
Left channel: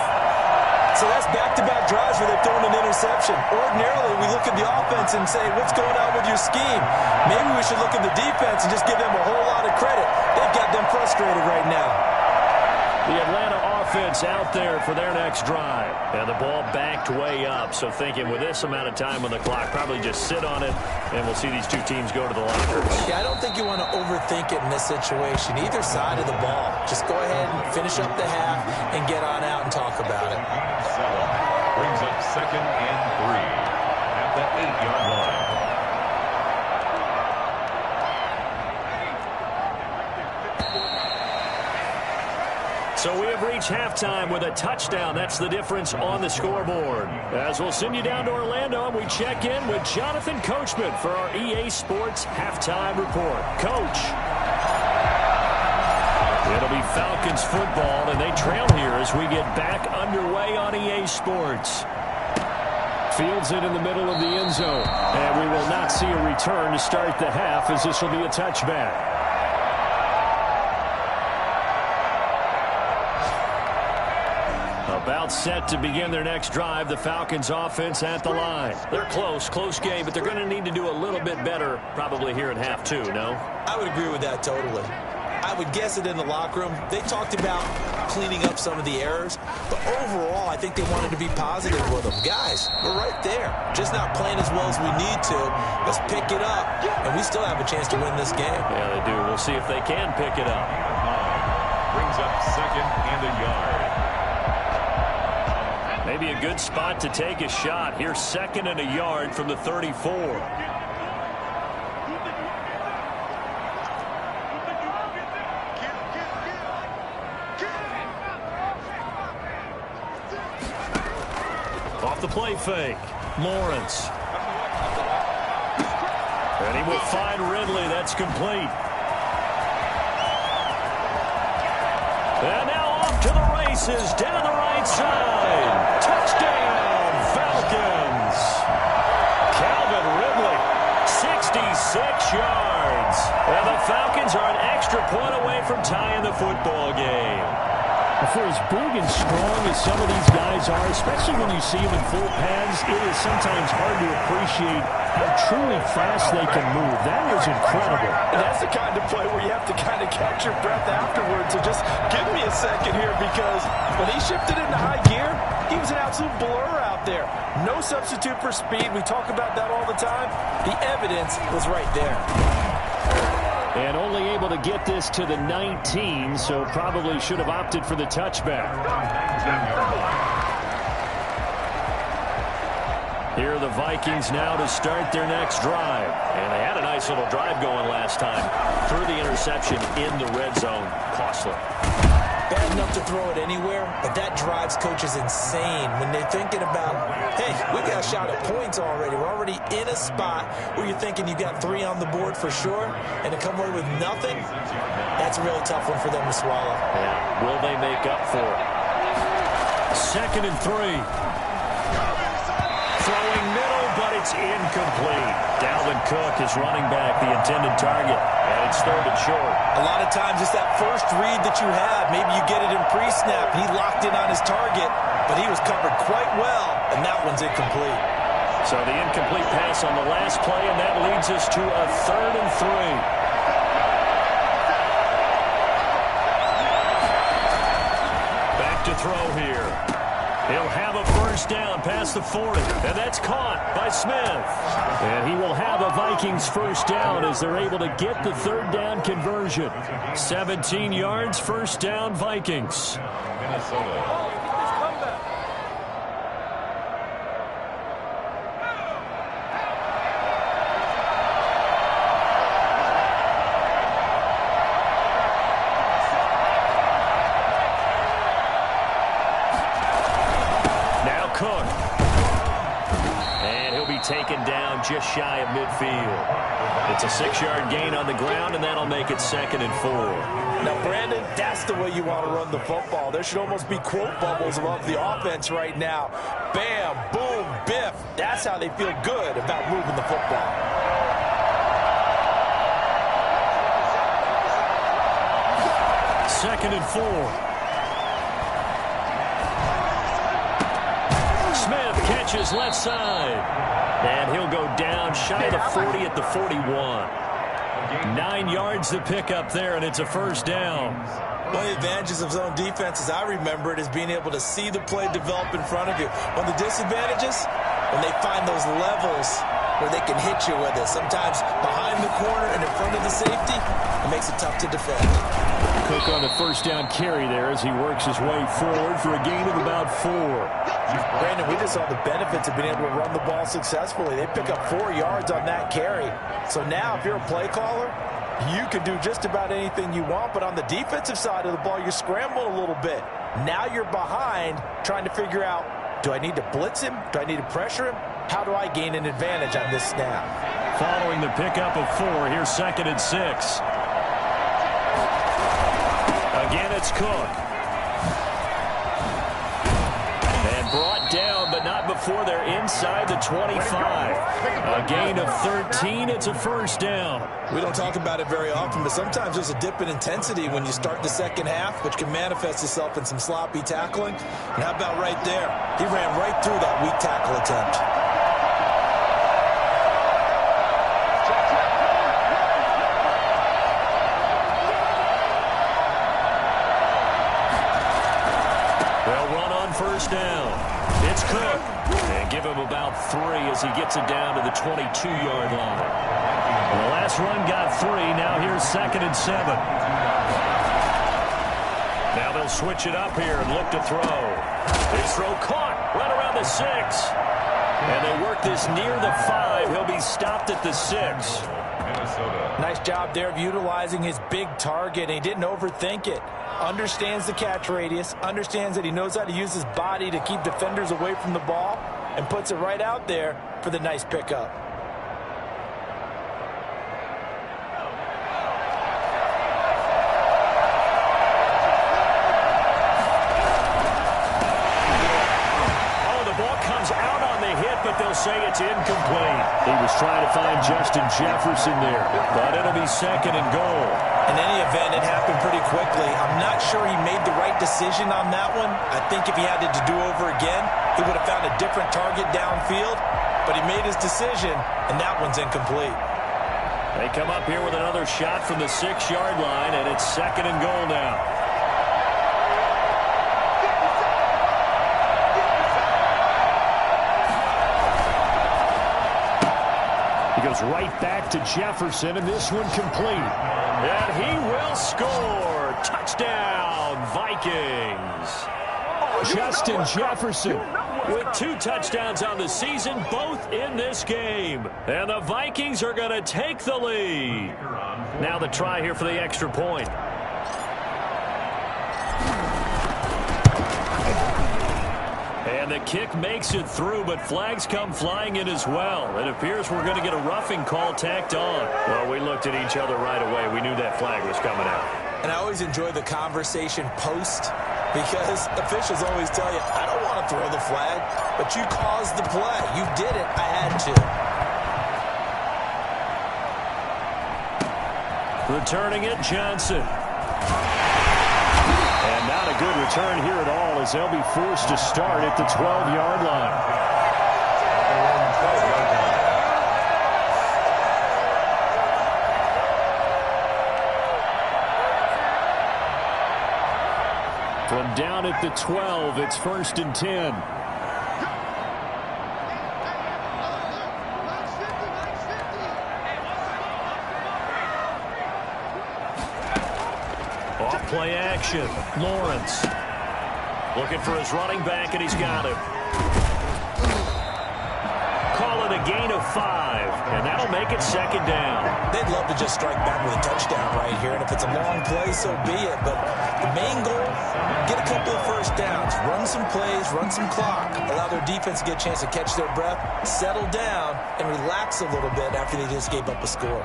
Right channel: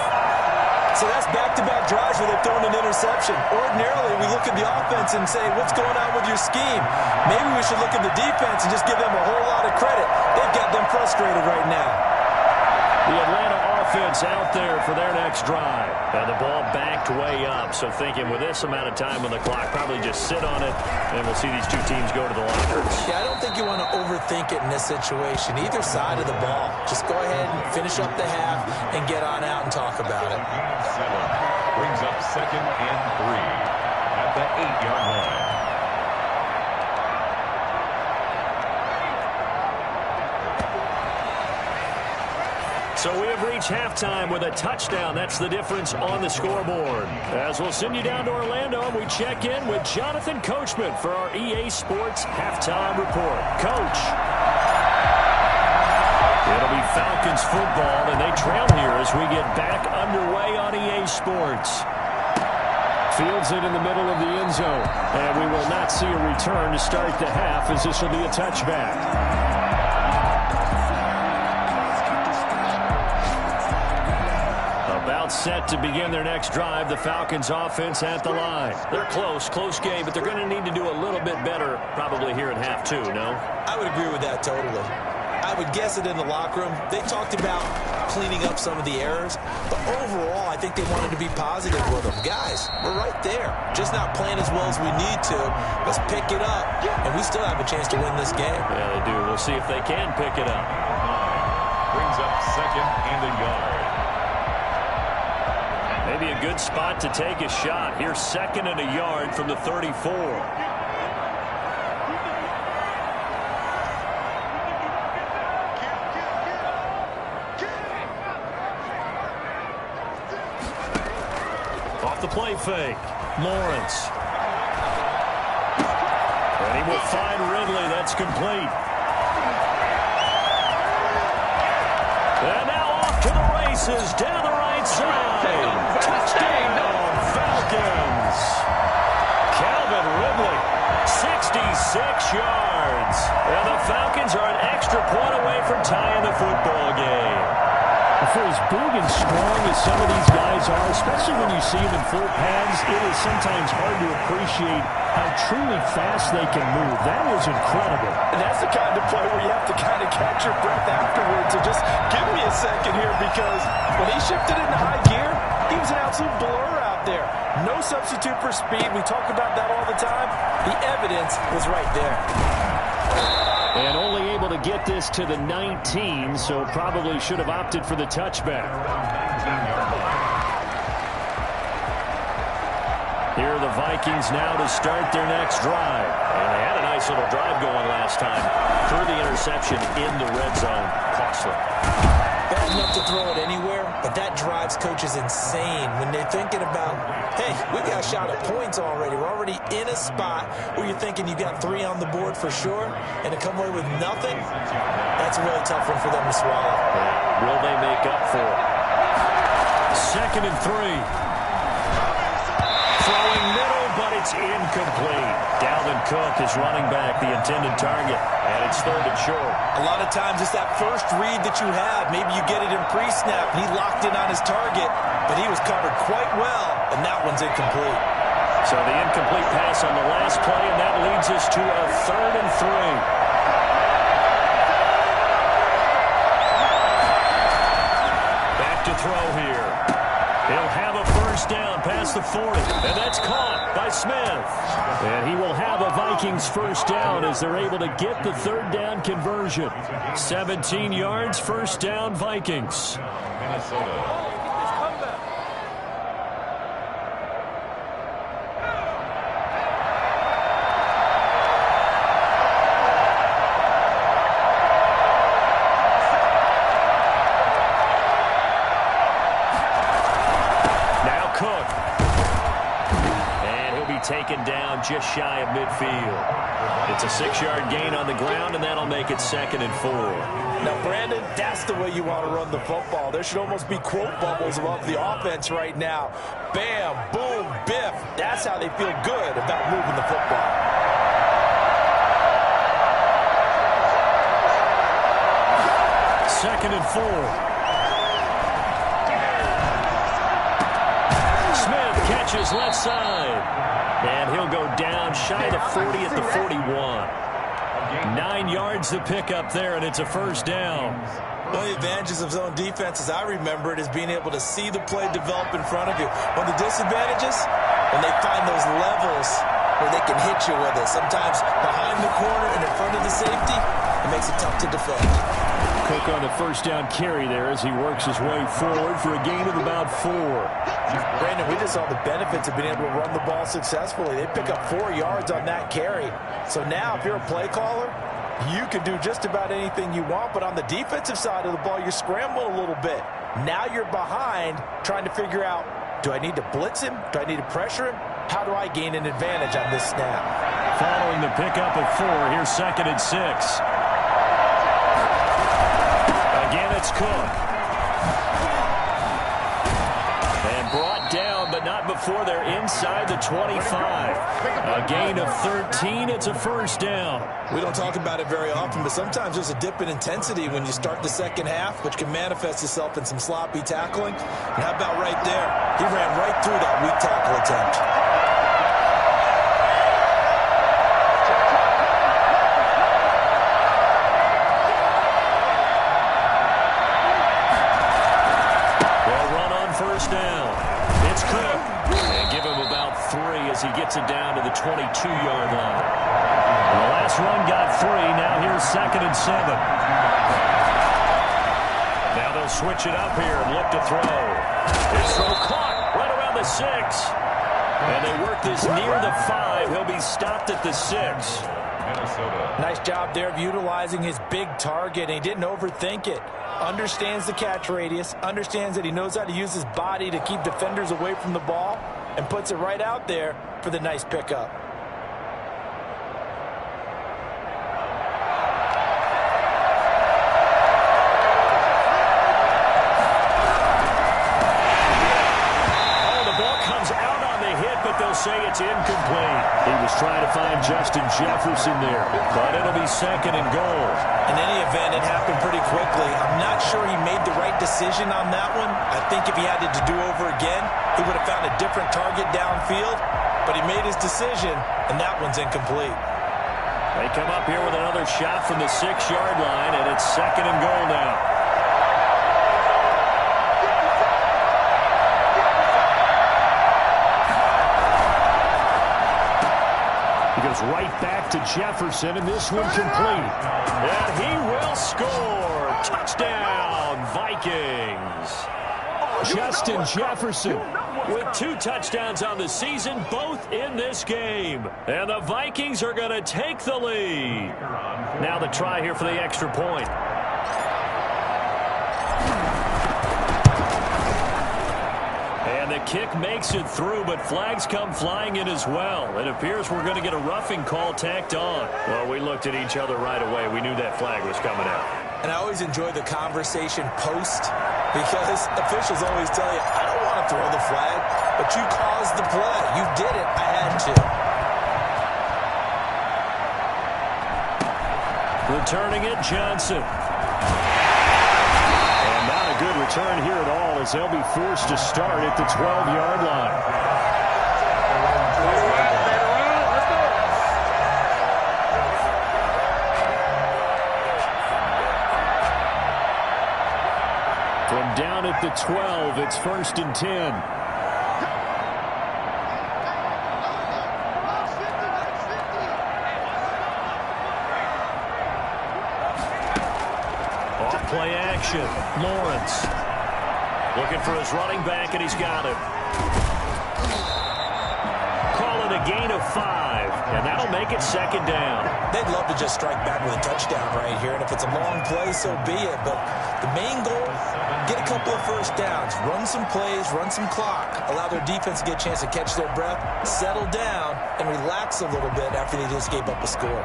So that's back-to-back drives where they've thrown an interception. Ordinarily, we look at the offense and say, what's going on with your scheme? Maybe we should look at the defense and just give them a whole lot of credit. They've got them frustrated right now. The Atlanta offense out there for their next drive. And the ball backed way up, so thinking with this amount of time on the clock, probably just sit on it, and we'll see these two teams go to the lockers. Yeah, I don't think you want to overthink it in this situation. Either side of the ball. Just go ahead and finish up the half and get on out and talk about it. Brings up 2nd and 3 at the 8-yard line. So we have reached halftime with a touchdown. That's the difference on the scoreboard. As we'll send you down to Orlando, and we check in with Jonathan Coachman for our EA Sports Halftime Report. Coach. It'll be Falcons football, and they trail here as we get back underway on EA Sports. Fields it in the middle of the end zone, and we will not see a return to start the half, as this will be a touchback. About set to begin their next drive, the Falcons offense at the line. They're close game, but they're going to need to do a little bit better probably here in half 2, no? I would agree with that totally. I would guess it in the locker room. They talked about cleaning up some of the errors, but overall, I think they wanted to be positive with them. Guys, we're right there. Just not playing as well as we need to. Let's pick it up, and we still have a chance to win this game. Yeah, they do. We'll see if they can pick it up. 9 brings up 2nd and a yard. Maybe a good spot to take a shot. Here's 2nd and a yard from the 34. Off the play fake, Lawrence. And he will find Ridley. That's complete. And now off to the races down the right side. Touchdown, Falcons. Calvin Ridley, 66 yards. And the Falcons are an extra point away from tying the football game. For as big and strong as some of these guys are, especially when you see them in full pads, it is sometimes hard to appreciate how truly fast they can move. That was incredible. And that's the kind of play where you have to kind of catch your breath afterwards. So just give me a second here, because when he shifted into high gear, he was an absolute blur out there. No substitute for speed. We talk about that all the time. The evidence was right there. And only able to get this to the 19, so probably should have opted for the touchback. Here are the Vikings now to start their next drive. And they had a nice little drive going last time. Threw the interception in the red zone. Costly. Bad enough to throw it anywhere, but that drives coaches insane when they're thinking about, hey, we got a shot at points already. We're already in a spot where you're thinking you got 3 on the board for sure, and to come away with nothing, that's a really tough one for them to swallow. Yeah, will they make up for it? 2nd and 3. Throwing middle, but it's incomplete. Dalvin Cook is running back, the intended target, and it's 3rd and short. A lot of times it's that first read that you have. Maybe you get it in pre-snap, and he locked in on his target, but he was covered quite well, and that one's incomplete. So the incomplete pass on the last play, and that leads us to a 3rd and 3. look to throw here. He'll have a first down past the 40, and that's caught by Smith. And he will have a Vikings first down as they're able to get the third down conversion. 17 yards, first down, Vikings. Minnesota. Cook. And he'll be taken down just shy of midfield. It's a 6-yard gain on the ground, and that'll make it 2nd and 4. Now, Brandon, that's the way you want to run the football. There should almost be quote bubbles above the offense right now. Bam, boom, biff. That's how they feel good about moving the football. Second and 4. Smith catches left side. And he'll go down shy of the 40 at the 41. 9 yards to pick up there, and it's a first down. One of the advantages of zone defense, as I remember it, is being able to see the play develop in front of you. One of the disadvantages, when they find those levels where they can hit you with it. Sometimes behind the corner and in front of the safety, it makes it tough to defend. Cook on the first down carry there as he works his way forward for a gain of about 4. Brandon, we just saw the benefits of being able to run the ball successfully. They pick up 4 yards on that carry. So now if you're a play caller, you can do just about anything you want. But on the defensive side of the ball, you're scrambling a little bit. Now you're behind trying to figure out, do I need to blitz him? Do I need to pressure him? How do I gain an advantage on this snap? Following the pickup of 4, here's 2nd and 6. Again, it's Cook. And brought down, but not before they're inside the 25. A gain of 13. It's a first down. We don't talk about it very often, but sometimes there's a dip in intensity when you start the second half, which can manifest itself in some sloppy tackling. And how about right there? He ran right through that weak tackle attempt. First down. It's Cook. And give him about 3 as he gets it down to the 22-yard line. And the last run got 3. Now here's 2nd and 7. Now they'll switch it up here and look to throw. His throw caught right around the 6. And they work this near the 5. He'll be stopped at the 6. Minnesota. Nice job there of utilizing his big target. And he didn't overthink it. Understands the catch radius, understands that he knows how to use his body to keep defenders away from the ball, and puts it right out there for the nice pickup. But they'll say it's incomplete. He was trying to find Justin Jefferson there. But it'll be 2nd and goal. In any event, it happened pretty quickly. I'm not sure he made the right decision on that one. I think if he had it to do over again, he would have found a different target downfield. But he made his decision, and that one's incomplete. They come up here with another shot from the 6-yard line, and it's 2nd and goal now. Goes right back to Jefferson, and this one complete. And he will score. Touchdown, Vikings. Justin Jefferson with 2 touchdowns on the season, both in this game. And the Vikings are going to take the lead. Now the try here for the extra point. And the kick makes it through, but flags come flying in as well. It appears we're going to get a roughing call tacked on. Well, we looked at each other right away. We knew that flag was coming out. And I always enjoy the conversation post, because officials always tell you, I don't want to throw the flag, but you caused the play. You did it. I had to. Returning it, Johnson. And not a good return here at all as they'll be forced to start at the 12-yard line. From down at the 12, it's 1st and 10. Off play action. Lawrence looking for his running back, and he's got him. Call it a gain of 5, and that'll make it 2nd down. They'd love to just strike back with a touchdown right here, and if it's a long play, so be it. But the main goal, get a couple of first downs, run some plays, run some clock, allow their defense to get a chance to catch their breath, settle down, and relax a little bit after they just gave up a score.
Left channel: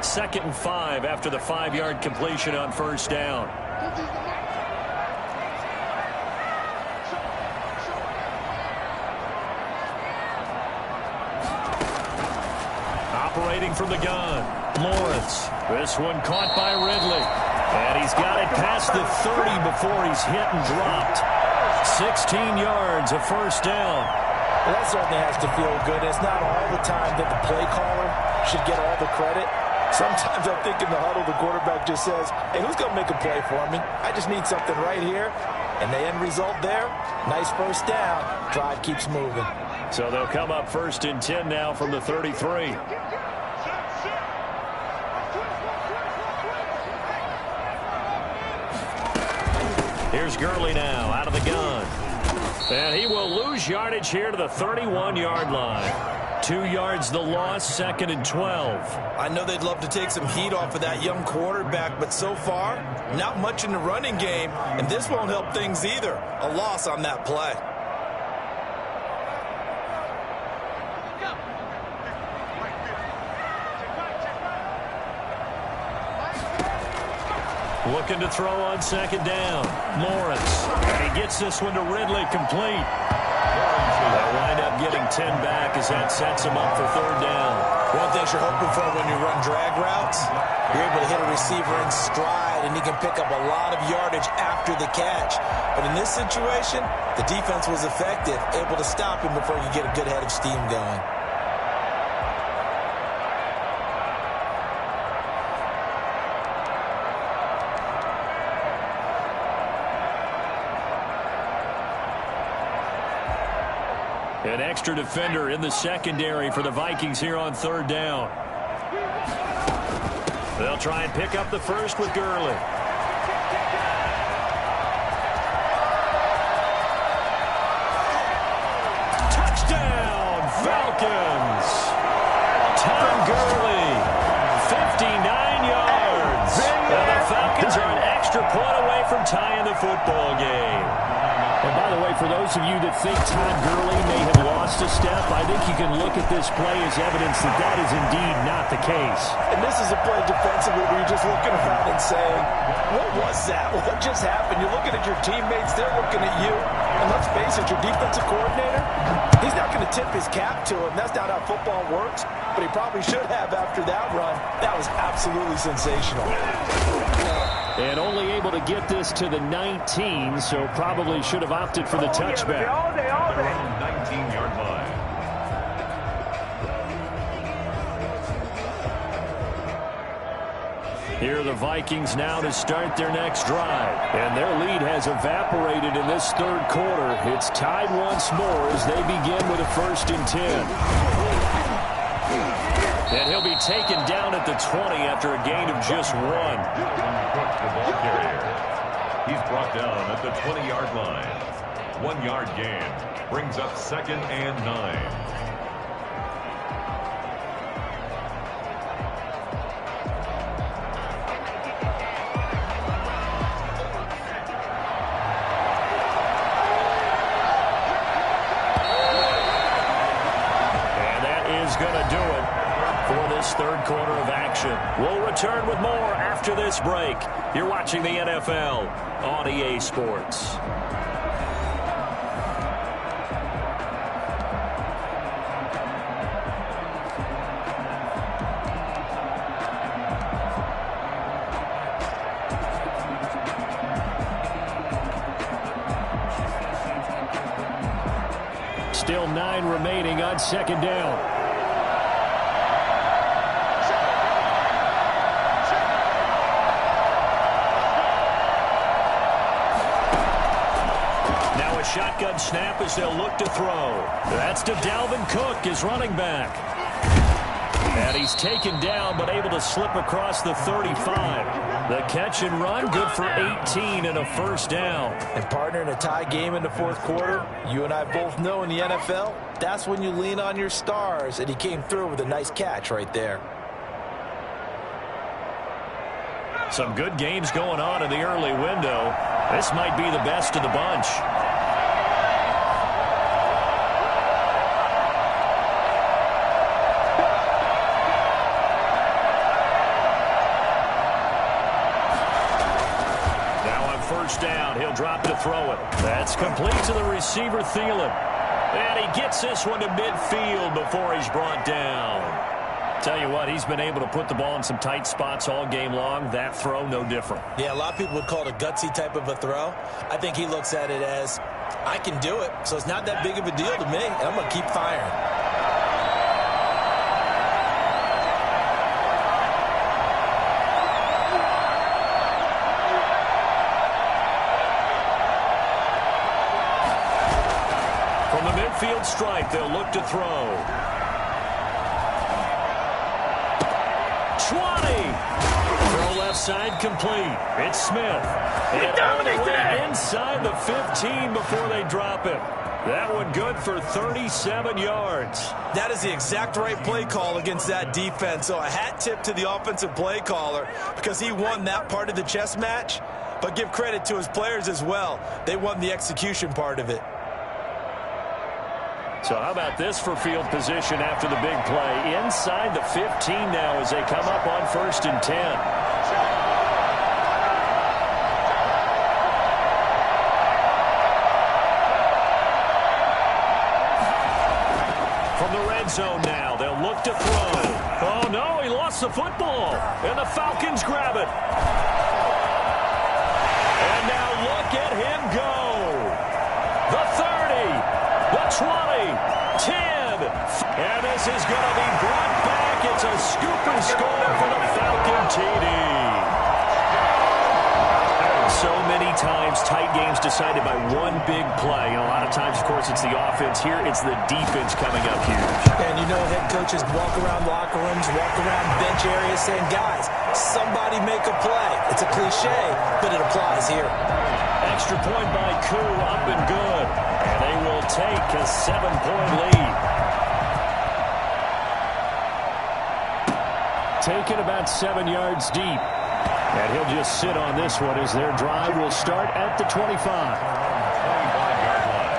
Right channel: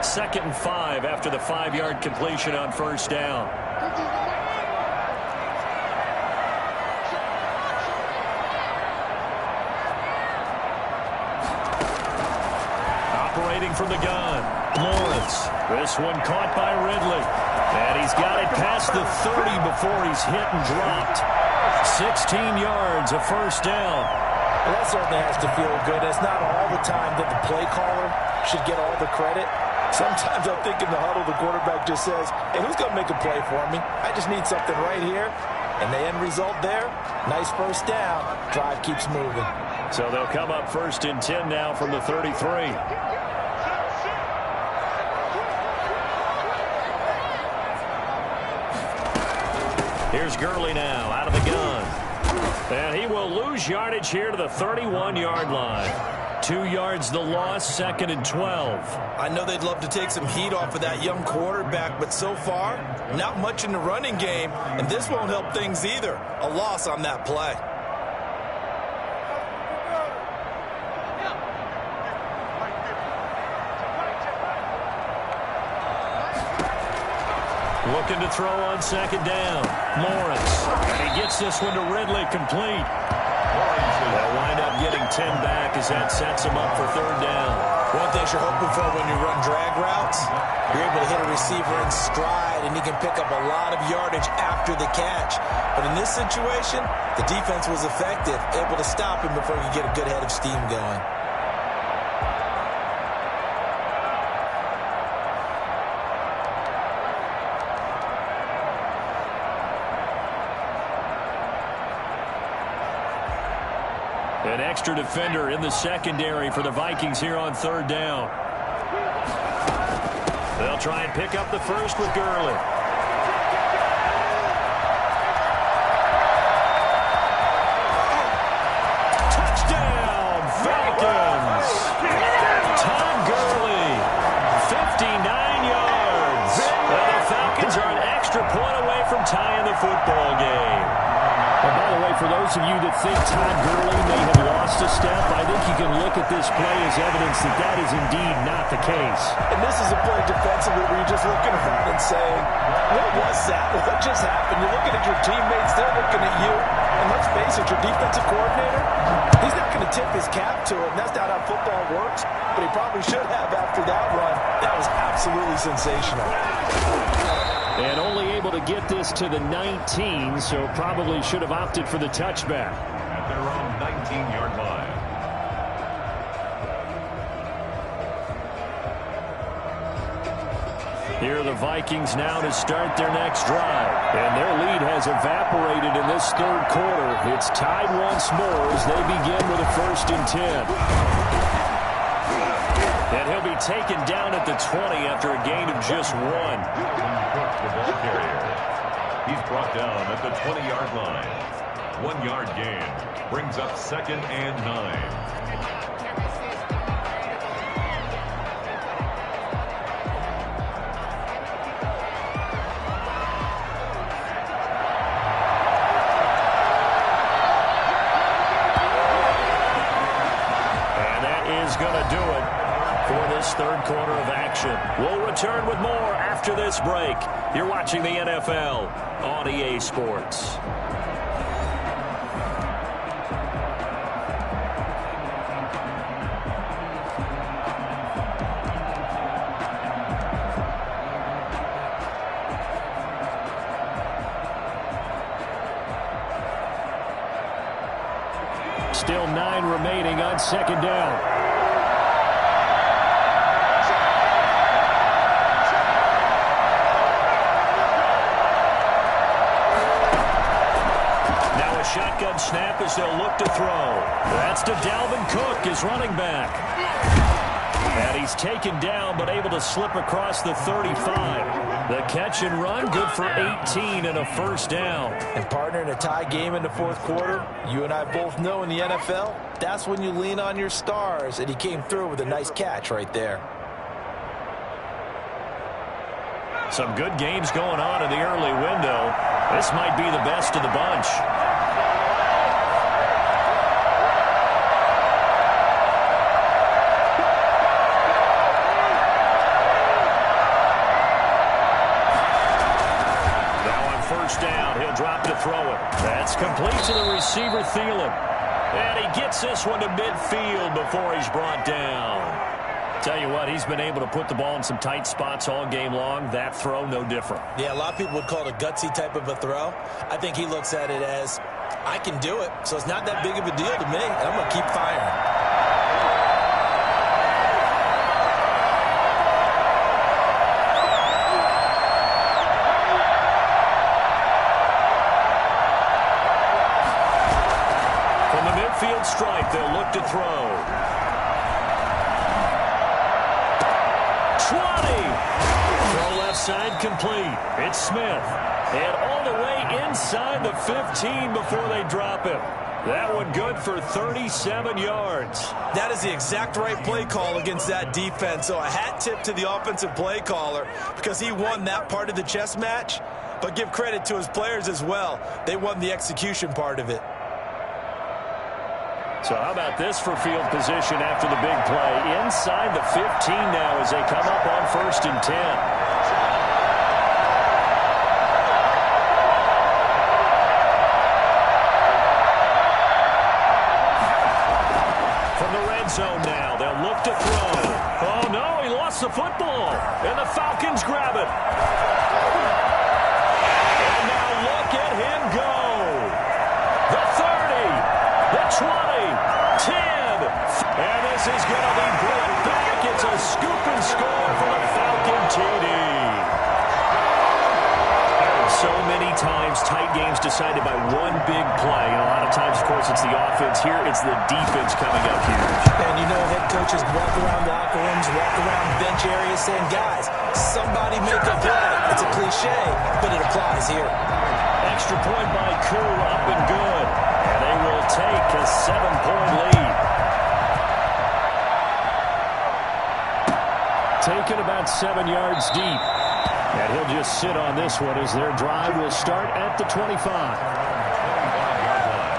2nd and 5 after the 5-yard completion on 1st down. Operating from the gun, Lawrence. This one caught by Ridley. And he's got it past the 30 before he's hit and dropped. 16 yards, a 1st down. Well, that certainly has to feel good. It's not all the time that the play caller should get all the credit. Sometimes I think in the huddle, the quarterback just says, hey, who's going to make a play for me? I just need something right here. And the end result there, nice 1st down. Drive keeps moving. So they'll come up 1st and 10 now from the 33. Here's Gurley now out of the gun. And he will lose yardage here to the 31-yard line. 2 yards the loss, 2nd and 12. I know they'd love to take some heat off of that young quarterback, but so far, not much in the running game, and this won't help things either. A loss on that play. Looking to throw on 2nd down. Lawrence. And he gets this one to Ridley, complete. They'll wind up getting 10 back as that sets him up for 3rd down. One thing you're hoping for when you run drag routes, you're able to hit a receiver in stride, and he can pick up a lot of yardage after the catch. But in this situation, the defense was effective, able to stop him before he could get a good head of steam going. An extra defender in the secondary for the Vikings here on 3rd down. They'll try and pick up the first with Gurley. Touchdown, Falcons! Tom Gurley, 59 yards. And the Falcons are an extra point away from tying the football game. And by the way, for those of you that think Todd Gurley may have lost a step, I think you can look at this play as evidence that that is indeed not the case. And this is a play defensively where you're just looking around and saying, what was that? What just happened? You're looking at your teammates. They're looking at you. And let's face it, your defensive coordinator, he's not going to tip his cap to him. That's not how football works. But he probably should have after that run. That was absolutely sensational. And only able to get this to the 19, so probably should have opted for the touchback. At their own 19-yard line. Here are the Vikings now to start their next drive. And their lead has evaporated in this 3rd quarter. It's tied once more as they begin with a 1st and 10. And he'll be taken down at the 20 after a gain of just 1. Cook, the ball carrier. He's brought down at the 20-yard line. 1-yard gain brings up 2nd and 9. Going to do it for this 3rd quarter of action. We'll return with more after this break. You're watching the NFL on EA Sports. Still 9 remaining on 2nd down. Now a shotgun snap as they'll look to throw. That's to Dalvin Cook, his running back. And he's taken down but able to slip across the 35. The catch and run, good for 18 and a first down. And partner, in a tie game in the fourth quarter, you and I both know in the NFL, that's when you lean on your stars, and he came through with a nice catch right there. Some good games going on in the early window. This might be the best of the bunch. First down, he'll drop to throw it. That's complete to the receiver, Thielen. And he gets this one to midfield before he's brought down. Tell you what, he's been able to put the ball in some tight spots all game long. That throw, no different. Yeah, a lot of people would call it a gutsy type of a throw. I think he looks at it as, I can do it, so it's not that big of a deal to me, and I'm going to keep firing. From the midfield stripe, they'll look to throw. 20. Throw left side complete. It's Smith. And all the way inside the 15 before they drop him. That one good for 37 yards. That is the exact right play call against that defense. So a hat tip to the offensive play caller because he won that part of the chess match. But give credit to his players as well. They won the execution part of it. So how about this for field position after the big play? Inside the 15 now as they come up on 1st and 10. From the red zone now, they'll look to throw. Oh, no, he lost the football. And the Falcons grab it. And now look at him go. The 30. The 20, 10, and this is going to be brought back. It's a scoop and score for the Falcon TD. So many times, tight games decided by one big play. And a lot of times, of course, it's the offense. Here, it's the defense coming up huge. And you know, head coaches walk around locker rooms, walk around bench areas saying, guys, somebody make a play. It's a cliche, but it applies here. Extra point by Koo, up and good. And they will take a 7-point lead. Taken about 7 yards deep. And he'll just sit on this one as their drive will start at the 25. 25-yard line.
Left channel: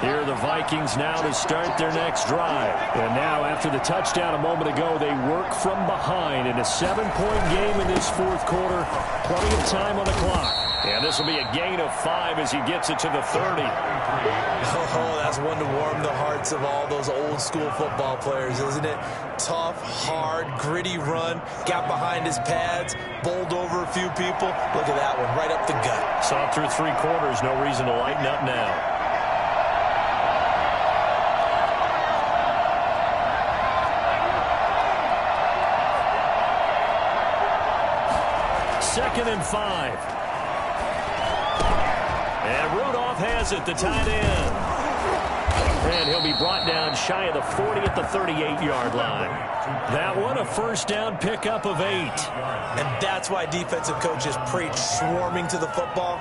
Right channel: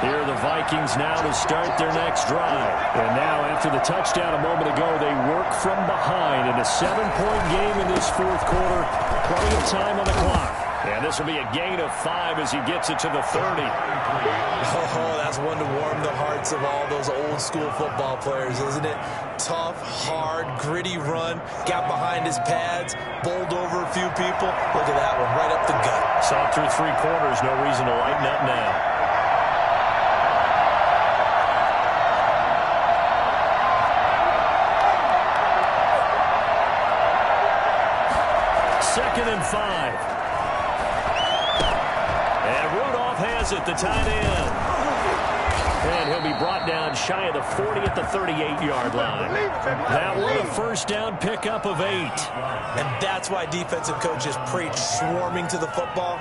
Here are the Vikings now to start their next drive. And now, after the touchdown a moment ago, they work from behind in a 7-point game in this fourth quarter. Plenty of time on the clock. And this will be a gain of 5 as he gets it to the 30. Oh, that's one to warm the hearts of all those old school football players, isn't it? Tough, hard, gritty run. Got behind his pads, bowled over a few people. Look at that one, right up the gut. Saw it through 3 quarters. No reason to lighten up now. Second and 5. And Rudolph has it, the tight end. And he'll be brought down shy of the 40 at the 38-yard line. That one a first down pickup of 8. And that's why defensive coaches preach swarming to the football.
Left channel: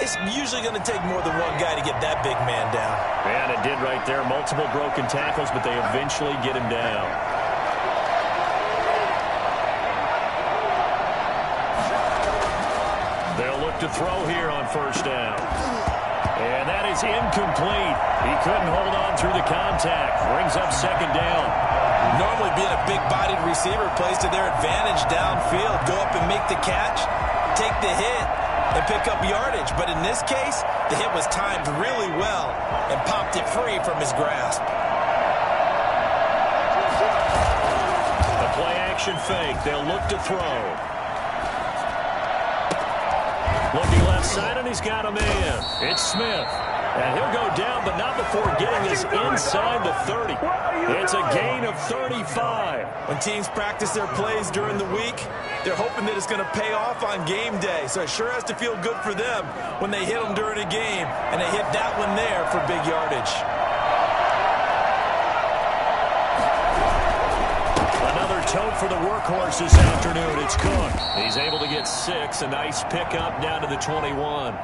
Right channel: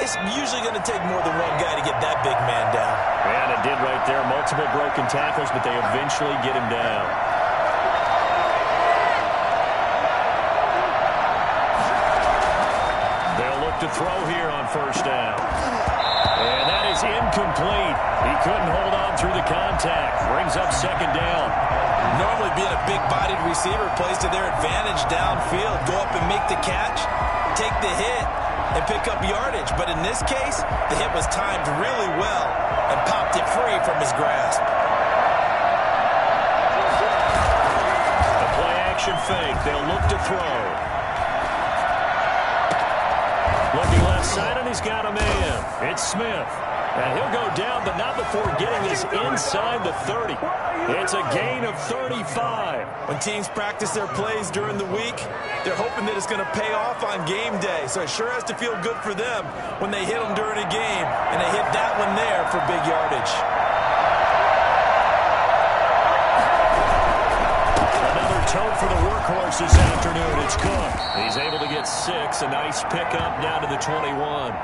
It's usually going to take more than one guy to get that big man down. And it did right there. Multiple broken tackles, but they eventually get him down. They'll look to throw here on first down. And that is incomplete. He couldn't hold on through the contact. Brings up second down. Normally being a big-bodied receiver plays to their advantage downfield. Go up and make the catch, take the hit, and pick up yardage. But in this case, the hit was timed really well and popped it free from his grasp. The play-action fake. They'll look to throw. Looking left side, and he's got a man. It's Smith. And he'll go down, but not before getting this inside the 30. It's a gain of 35. When teams practice their plays during the week, they're hoping that it's going to pay off on game day. So it sure has to feel good for them when they hit them during a game, and they hit that one there for big yardage. Another tote for the workhorse this afternoon. It's Cook. He's able to get 6. A nice pickup down to the 21.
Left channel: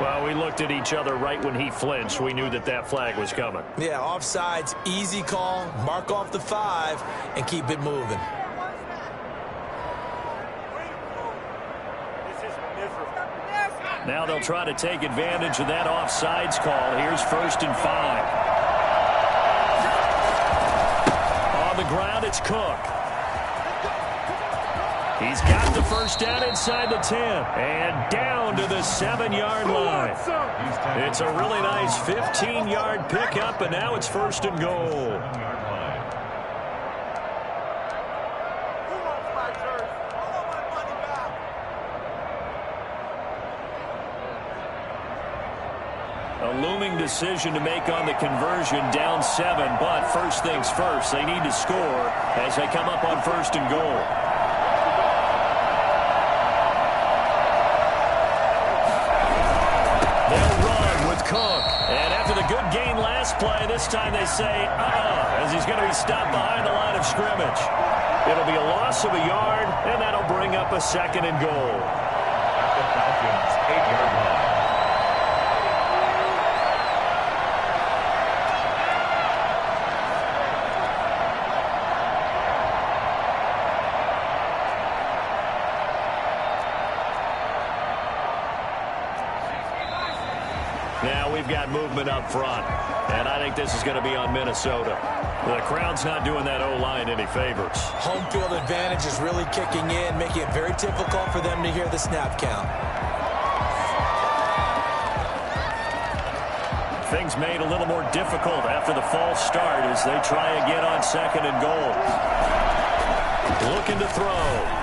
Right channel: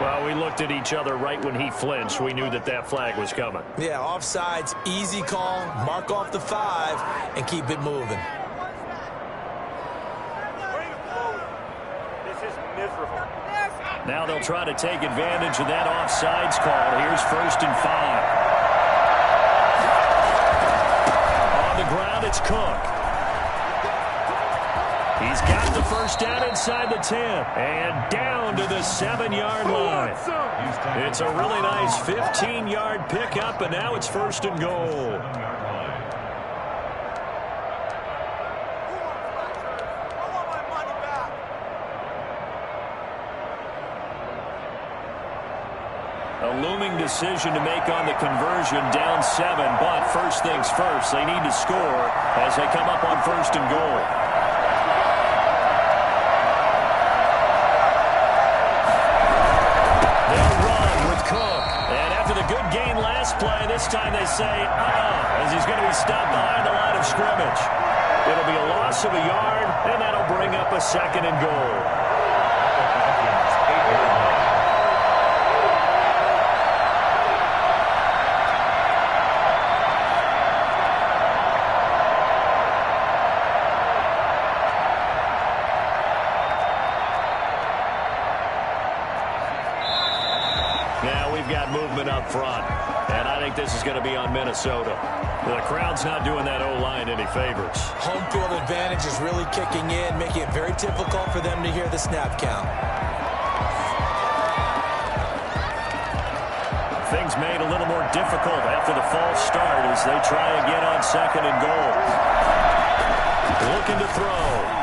Well, we looked at each other right when he flinched. We knew that that flag was coming. Yeah, offsides, easy call. Mark off the 5 and keep it moving. This is miserable. Now they'll try to take advantage of that offsides call. Here's 1st and 5. On the ground, it's Cook. He's got the first down inside the 10 and down to the 7-yard line. It's a really nice 15-yard pickup, and now it's 1st and goal. Who wants my jersey? I want my money back. A looming decision to make on the conversion, down 7, but first things first, they need to score as they come up on 1st and goal. They'll run with Cook. And after the good gain last play, this time they say, as he's going to be stopped behind the line of scrimmage. It'll be a loss of a yard, and that'll bring up a 2nd and goal. The Falcons' 8-yard line. Now we've got movement up front, and I think this is going to be on Minnesota. The crowd's not doing that O-line any favors. Home field advantage is really kicking in, making it very difficult for them to hear the snap count. Things made a little more difficult after the false start as they try again on 2nd and goal. Looking to throw.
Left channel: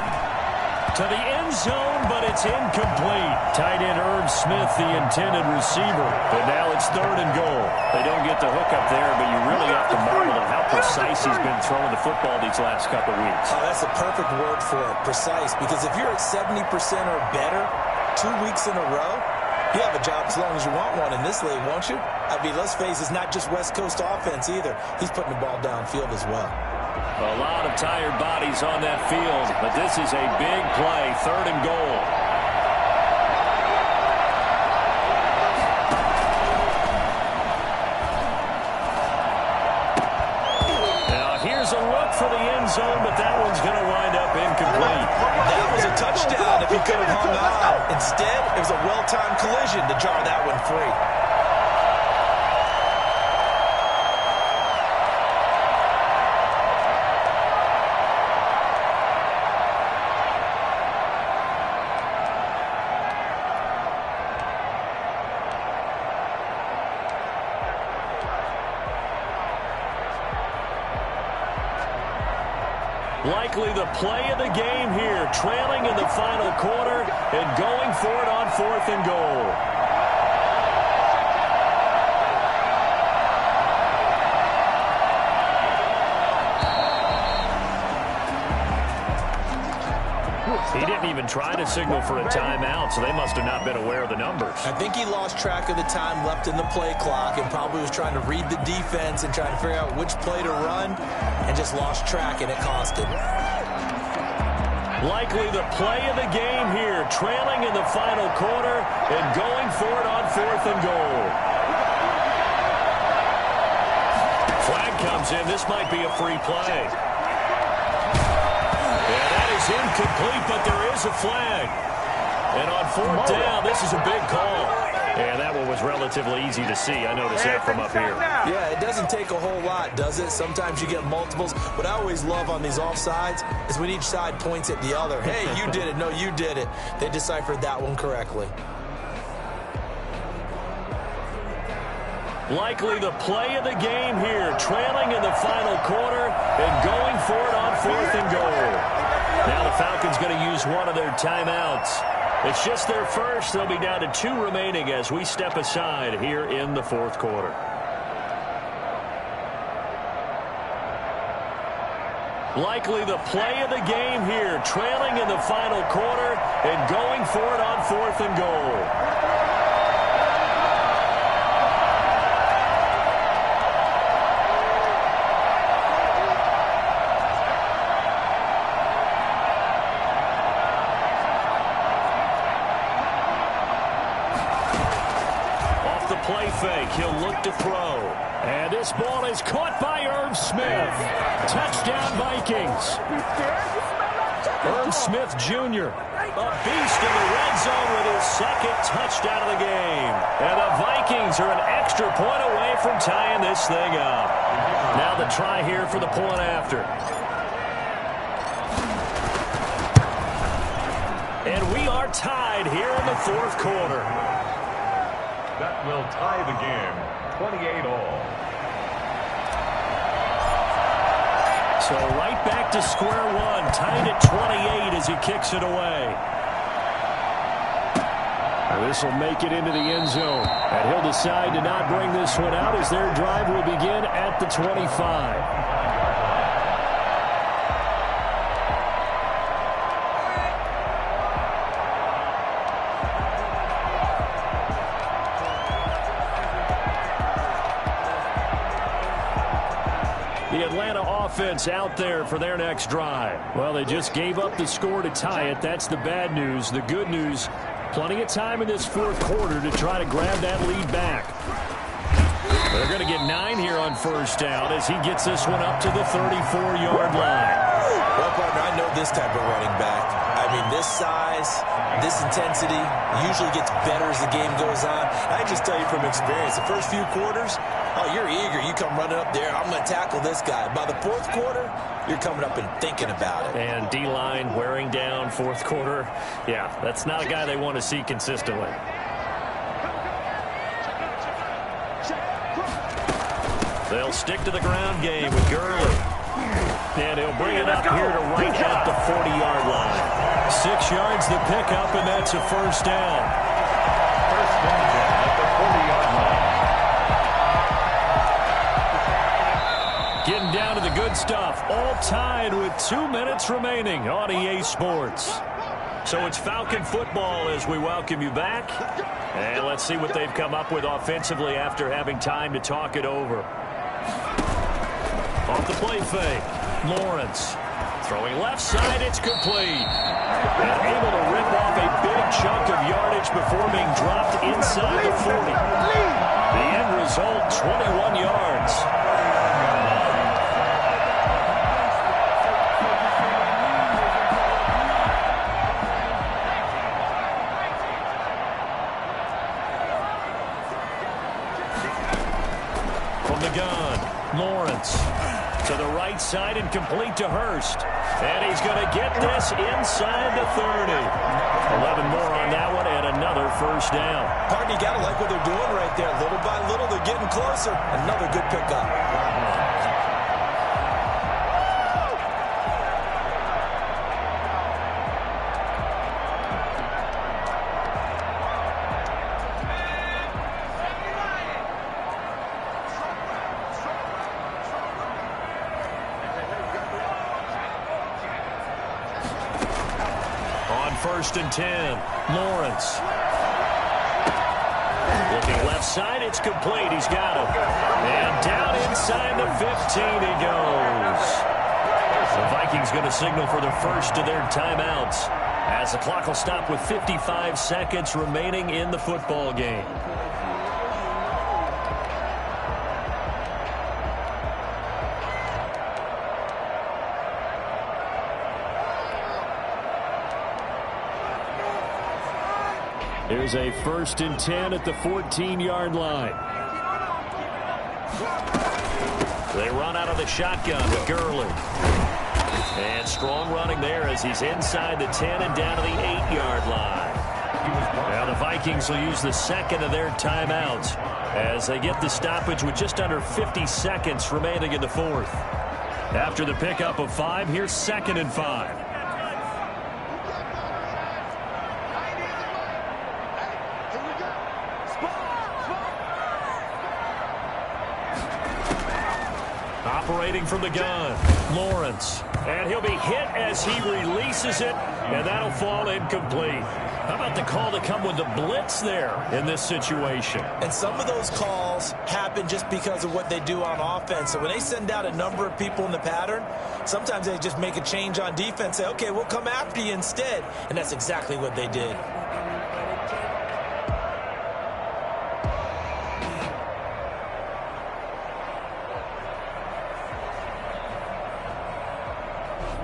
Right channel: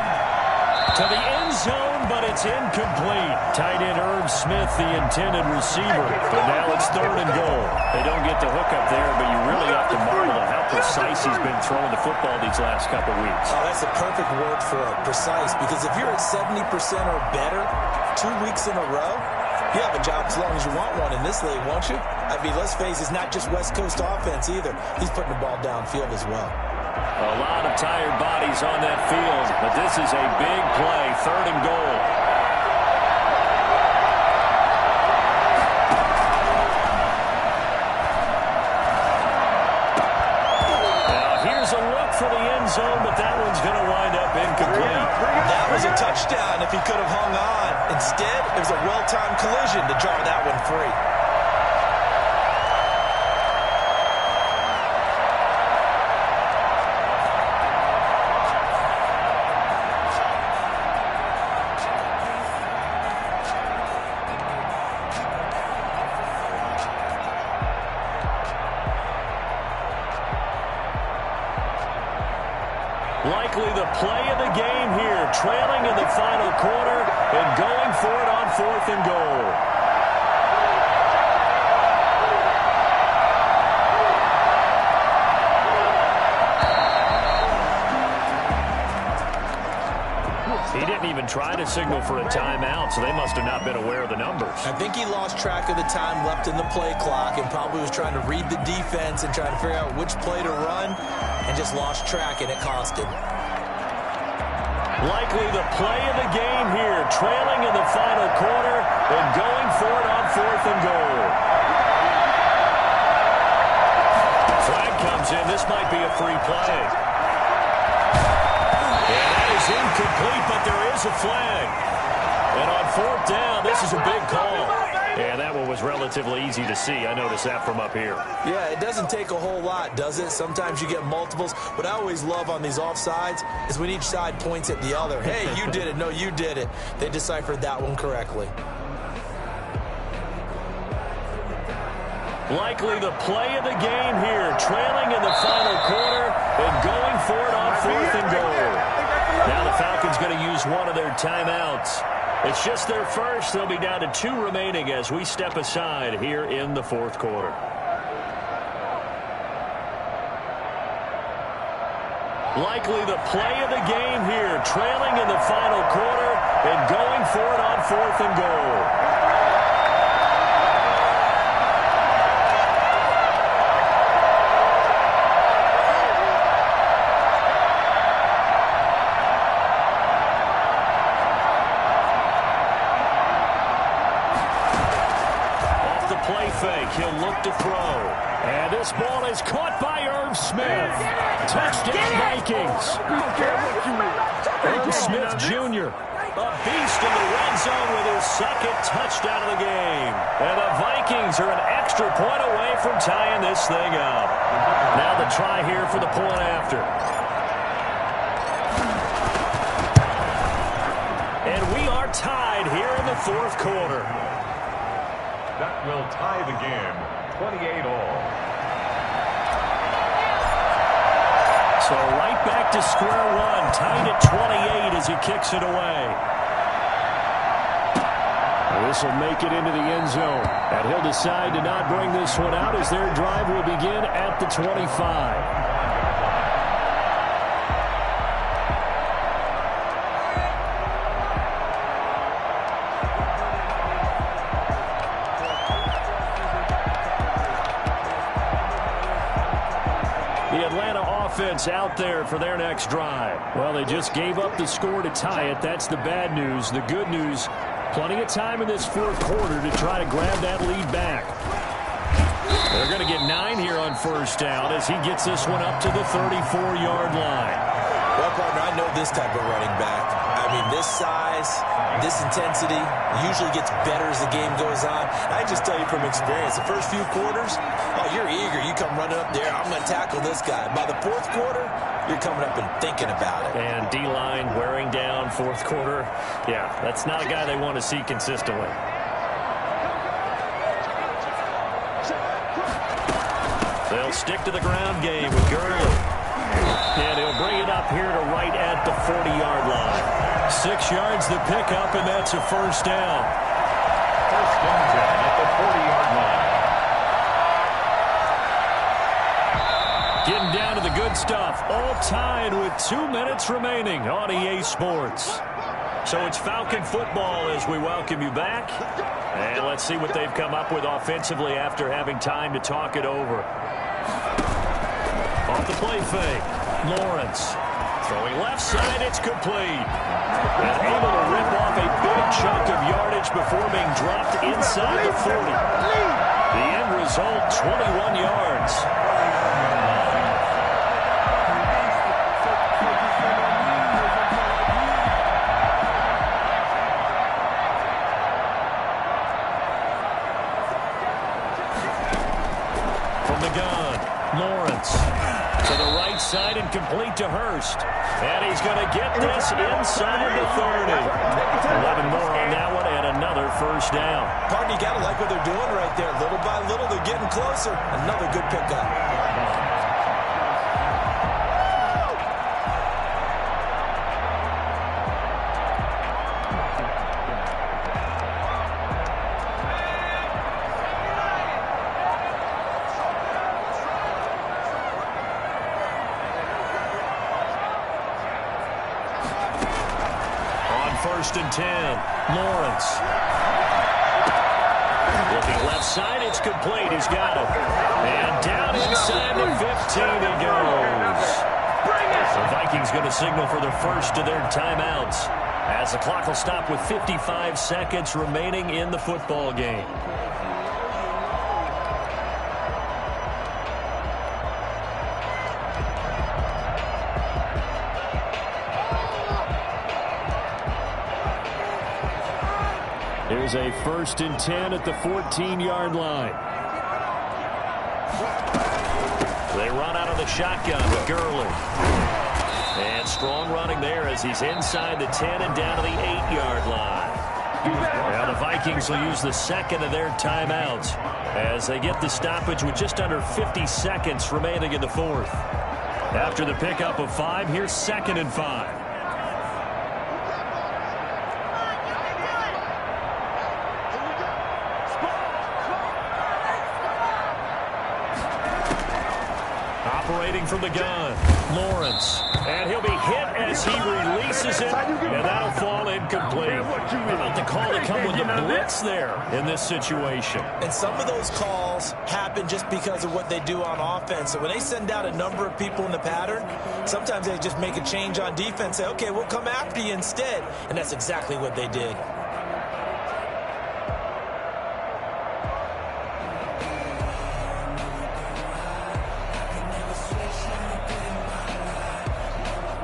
To the end zone, but it's incomplete. Tight end Irv Smith, the intended receiver. But now it's 3rd and goal. They don't get the hook up there, but you really have to marvel at how precise he's been throwing the football these last couple weeks. Oh, that's a perfect word for it, precise. Because if you're at 70% or better 2 weeks in a row, you have a job as long as you want one in this league, won't you? I mean, let's face it, it's not just West Coast offense either. He's putting the ball downfield as well. A lot of tired bodies on that field, but this is a big play, 3rd and goal. Now here's a look for the end zone, but that one's going to wind up incomplete. That was a touchdown if he could have hung on. Instead, it was a well-timed collision to jar that one free. Likely the play of the game here, trailing in the final quarter and going for it on 4th and goal. He didn't even try to signal for a timeout, so they must have not been aware of the numbers. I think he lost track of the time left in the play clock and probably was trying to read the defense and trying to figure out which play to run and just lost track, and it cost him. Likely the play of the game here, trailing in the final quarter and going for it on 4th and goal. Flag comes in. This might be a free play. And that is incomplete, but there is a flag. And on 4th down, this is a big call. And that one was relatively easy to see. I noticed that from up here. Yeah, it doesn't take a whole lot, does it? Sometimes you get multiples. What I always love on these offsides is when each side points at the other. Hey, you did it. No, you did it. They deciphered that one correctly. Likely the play of the game here, trailing in the final quarter and going for it on 4th and goal. Now the Falcons going to use one of their timeouts. It's just their first. They'll be down to 2 remaining as we step aside here in the fourth quarter. Likely the play of the game here, trailing in the final quarter and going for it on 4th and goal. Play fake. He'll look to throw. And this ball is caught by Irv Smith. Touchdown, Vikings. Irv Smith Jr. A beast in the red zone with his second touchdown of the game. And the Vikings are an extra point away from tying this thing up. Now the try here for the point after. And we are tied here in the fourth quarter. That will tie the game, 28-all. So right back to square one, tied at 28 as he kicks it away. This will make it into the end zone. And he'll decide to not bring this one out as their drive will begin at the 25. The Atlanta offense out there for their next drive. Well, they just gave up the score to tie it. That's the bad news. The good news, plenty of time in this fourth quarter to try to grab that lead back. They're going to get 9 here on first down as he gets this one up to the 34-yard line. Well, partner, I know this type of running back. I mean, this size, this intensity usually gets better as the game goes on. I just tell you from experience, the first few quarters, oh, you're eager. You come running up there. I'm going to tackle this guy. By the fourth quarter, you're coming up and thinking about it. And D-line wearing down fourth quarter. Yeah, that's not a guy they want to see consistently. They'll stick to the ground game with Gurley. And he'll bring it up here to right at the 40-yard line. 6 yards the pickup, and that's a first down. First and 10 at the 40-yard line. Getting down to the good stuff. All tied with 2 minutes remaining on EA Sports. So it's Falcon football as we welcome you back. And let's see what they've come up with offensively after having time to talk it over. Off the play fake. Lawrence throwing left side. It's complete. And able to rip off a big chunk of yardage before being dropped inside the 40. The end result, 21 yards. From the gun, Lawrence to the right side and complete to Hurst. And he's going to get this inside the 30. 11 more on that one and another first down. Partner, you got to like what they're doing right there. Little by little, they're getting closer. Another good pickup. First and 10. Lawrence. Looking left side. It's complete. He's got it. And down inside the 15 he goes. The Vikings going to signal for the first of their timeouts as the clock will stop with 55 seconds remaining in the football game. Here's a first and 10 at the 14-yard line. They run out of the shotgun with Gurley. And strong running there as he's inside the 10 and down to the 8-yard line. Now the Vikings will use the second of their timeouts as they get the stoppage with just under 50 seconds remaining in the fourth. After the pickup of 5, here's 2nd and 5. operating from the gun. Lawrence. And he'll be hit as he releases it, and that'll fall incomplete. How about the call to come with the blitz there in this situation? And some of those calls happen just because of what they do on offense. So when they send out a number of people in the pattern, sometimes they just make a change on defense, say, okay, we'll come after you instead. And that's exactly what they did.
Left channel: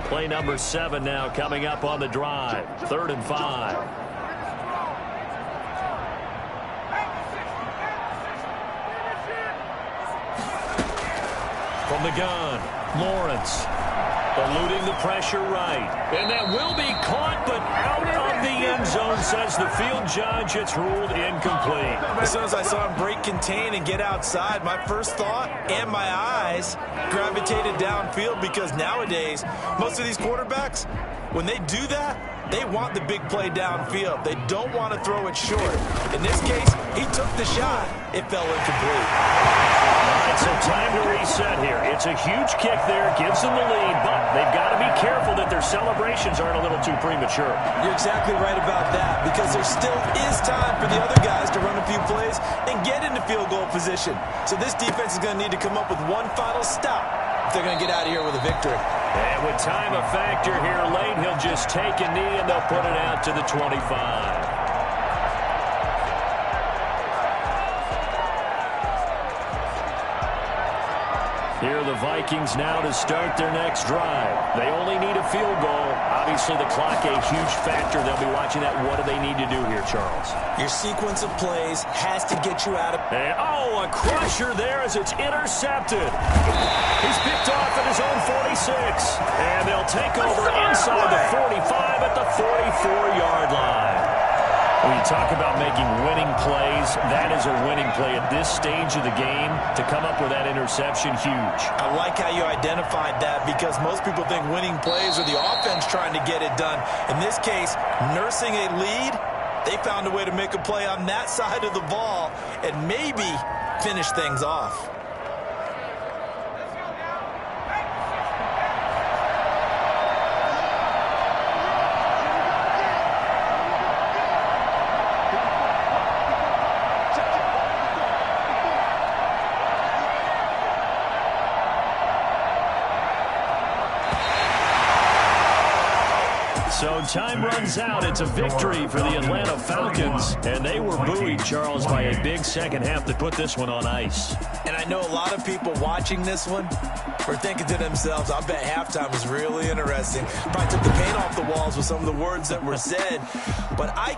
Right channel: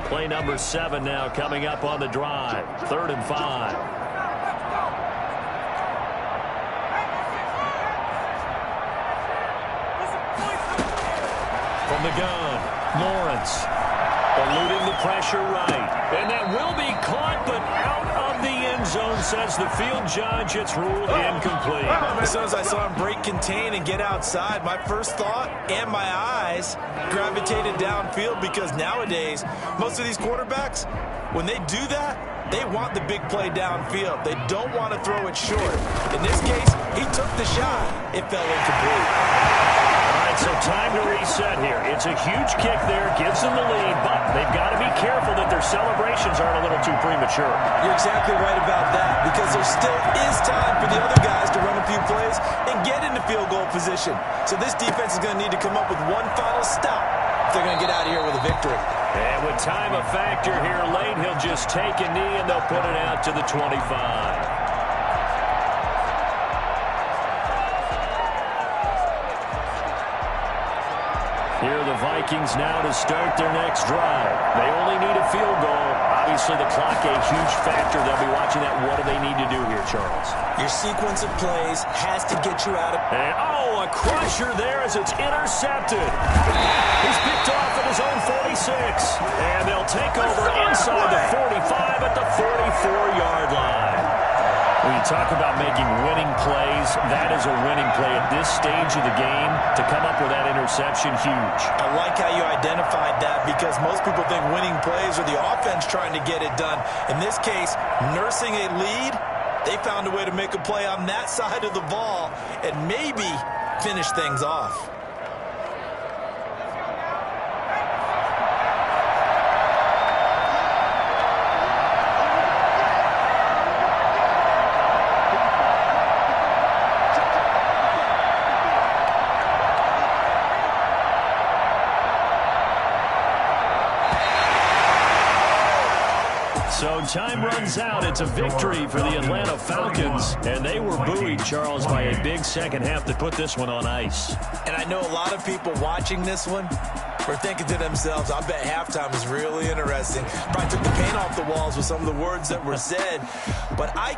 Play number 7 now coming up on the drive. 3rd and 5. From the gun, Lawrence. Eluding the pressure right. And that will be caught, but out of the end zone, says the field judge. It's ruled incomplete. As soon as I saw him break contain and get outside, my first thought and my eyes gravitated downfield, because nowadays, most of these quarterbacks, when they do that, they want the big play downfield. They don't want to throw it short. In this case, he took the shot. It fell incomplete. All right, so time to reset here. It's a huge kick there, gives them the lead, but they've got to be careful that their celebrations aren't a little too premature. You're exactly right about that, because there still is time for the other guys to run a few plays and get into field goal position. So this defense is going to need to come up with one final stop if they're going to get out of here with a victory. And with time a factor here late, he'll just take a knee and they'll put it out to the 25. Here are the Vikings now to start their next drive. They only need a field goal. Obviously, the clock a huge factor. They'll be watching that. What do they need to do here, Charles? Your sequence of plays has to get you out of... And, oh, a crusher there as it's intercepted. He's picked off at his own 46. And they'll take over inside the 45 at the 44-yard line. When you talk about making winning plays, that is a winning play at this stage of the game. To come up with that interception, huge. I like how you identified that, because most people think winning plays are the offense trying to get it done. In this case, nursing a lead, they found a way to make a play on that side of the ball and maybe finish things off. So time runs out. It's a victory for the Atlanta Falcons. And they were buoyed, Charles, by a big second half that put this one on ice. And I know a lot of people watching this one were thinking to themselves, I bet halftime was really interesting. Probably took the paint off the walls with some of the words that were said. But I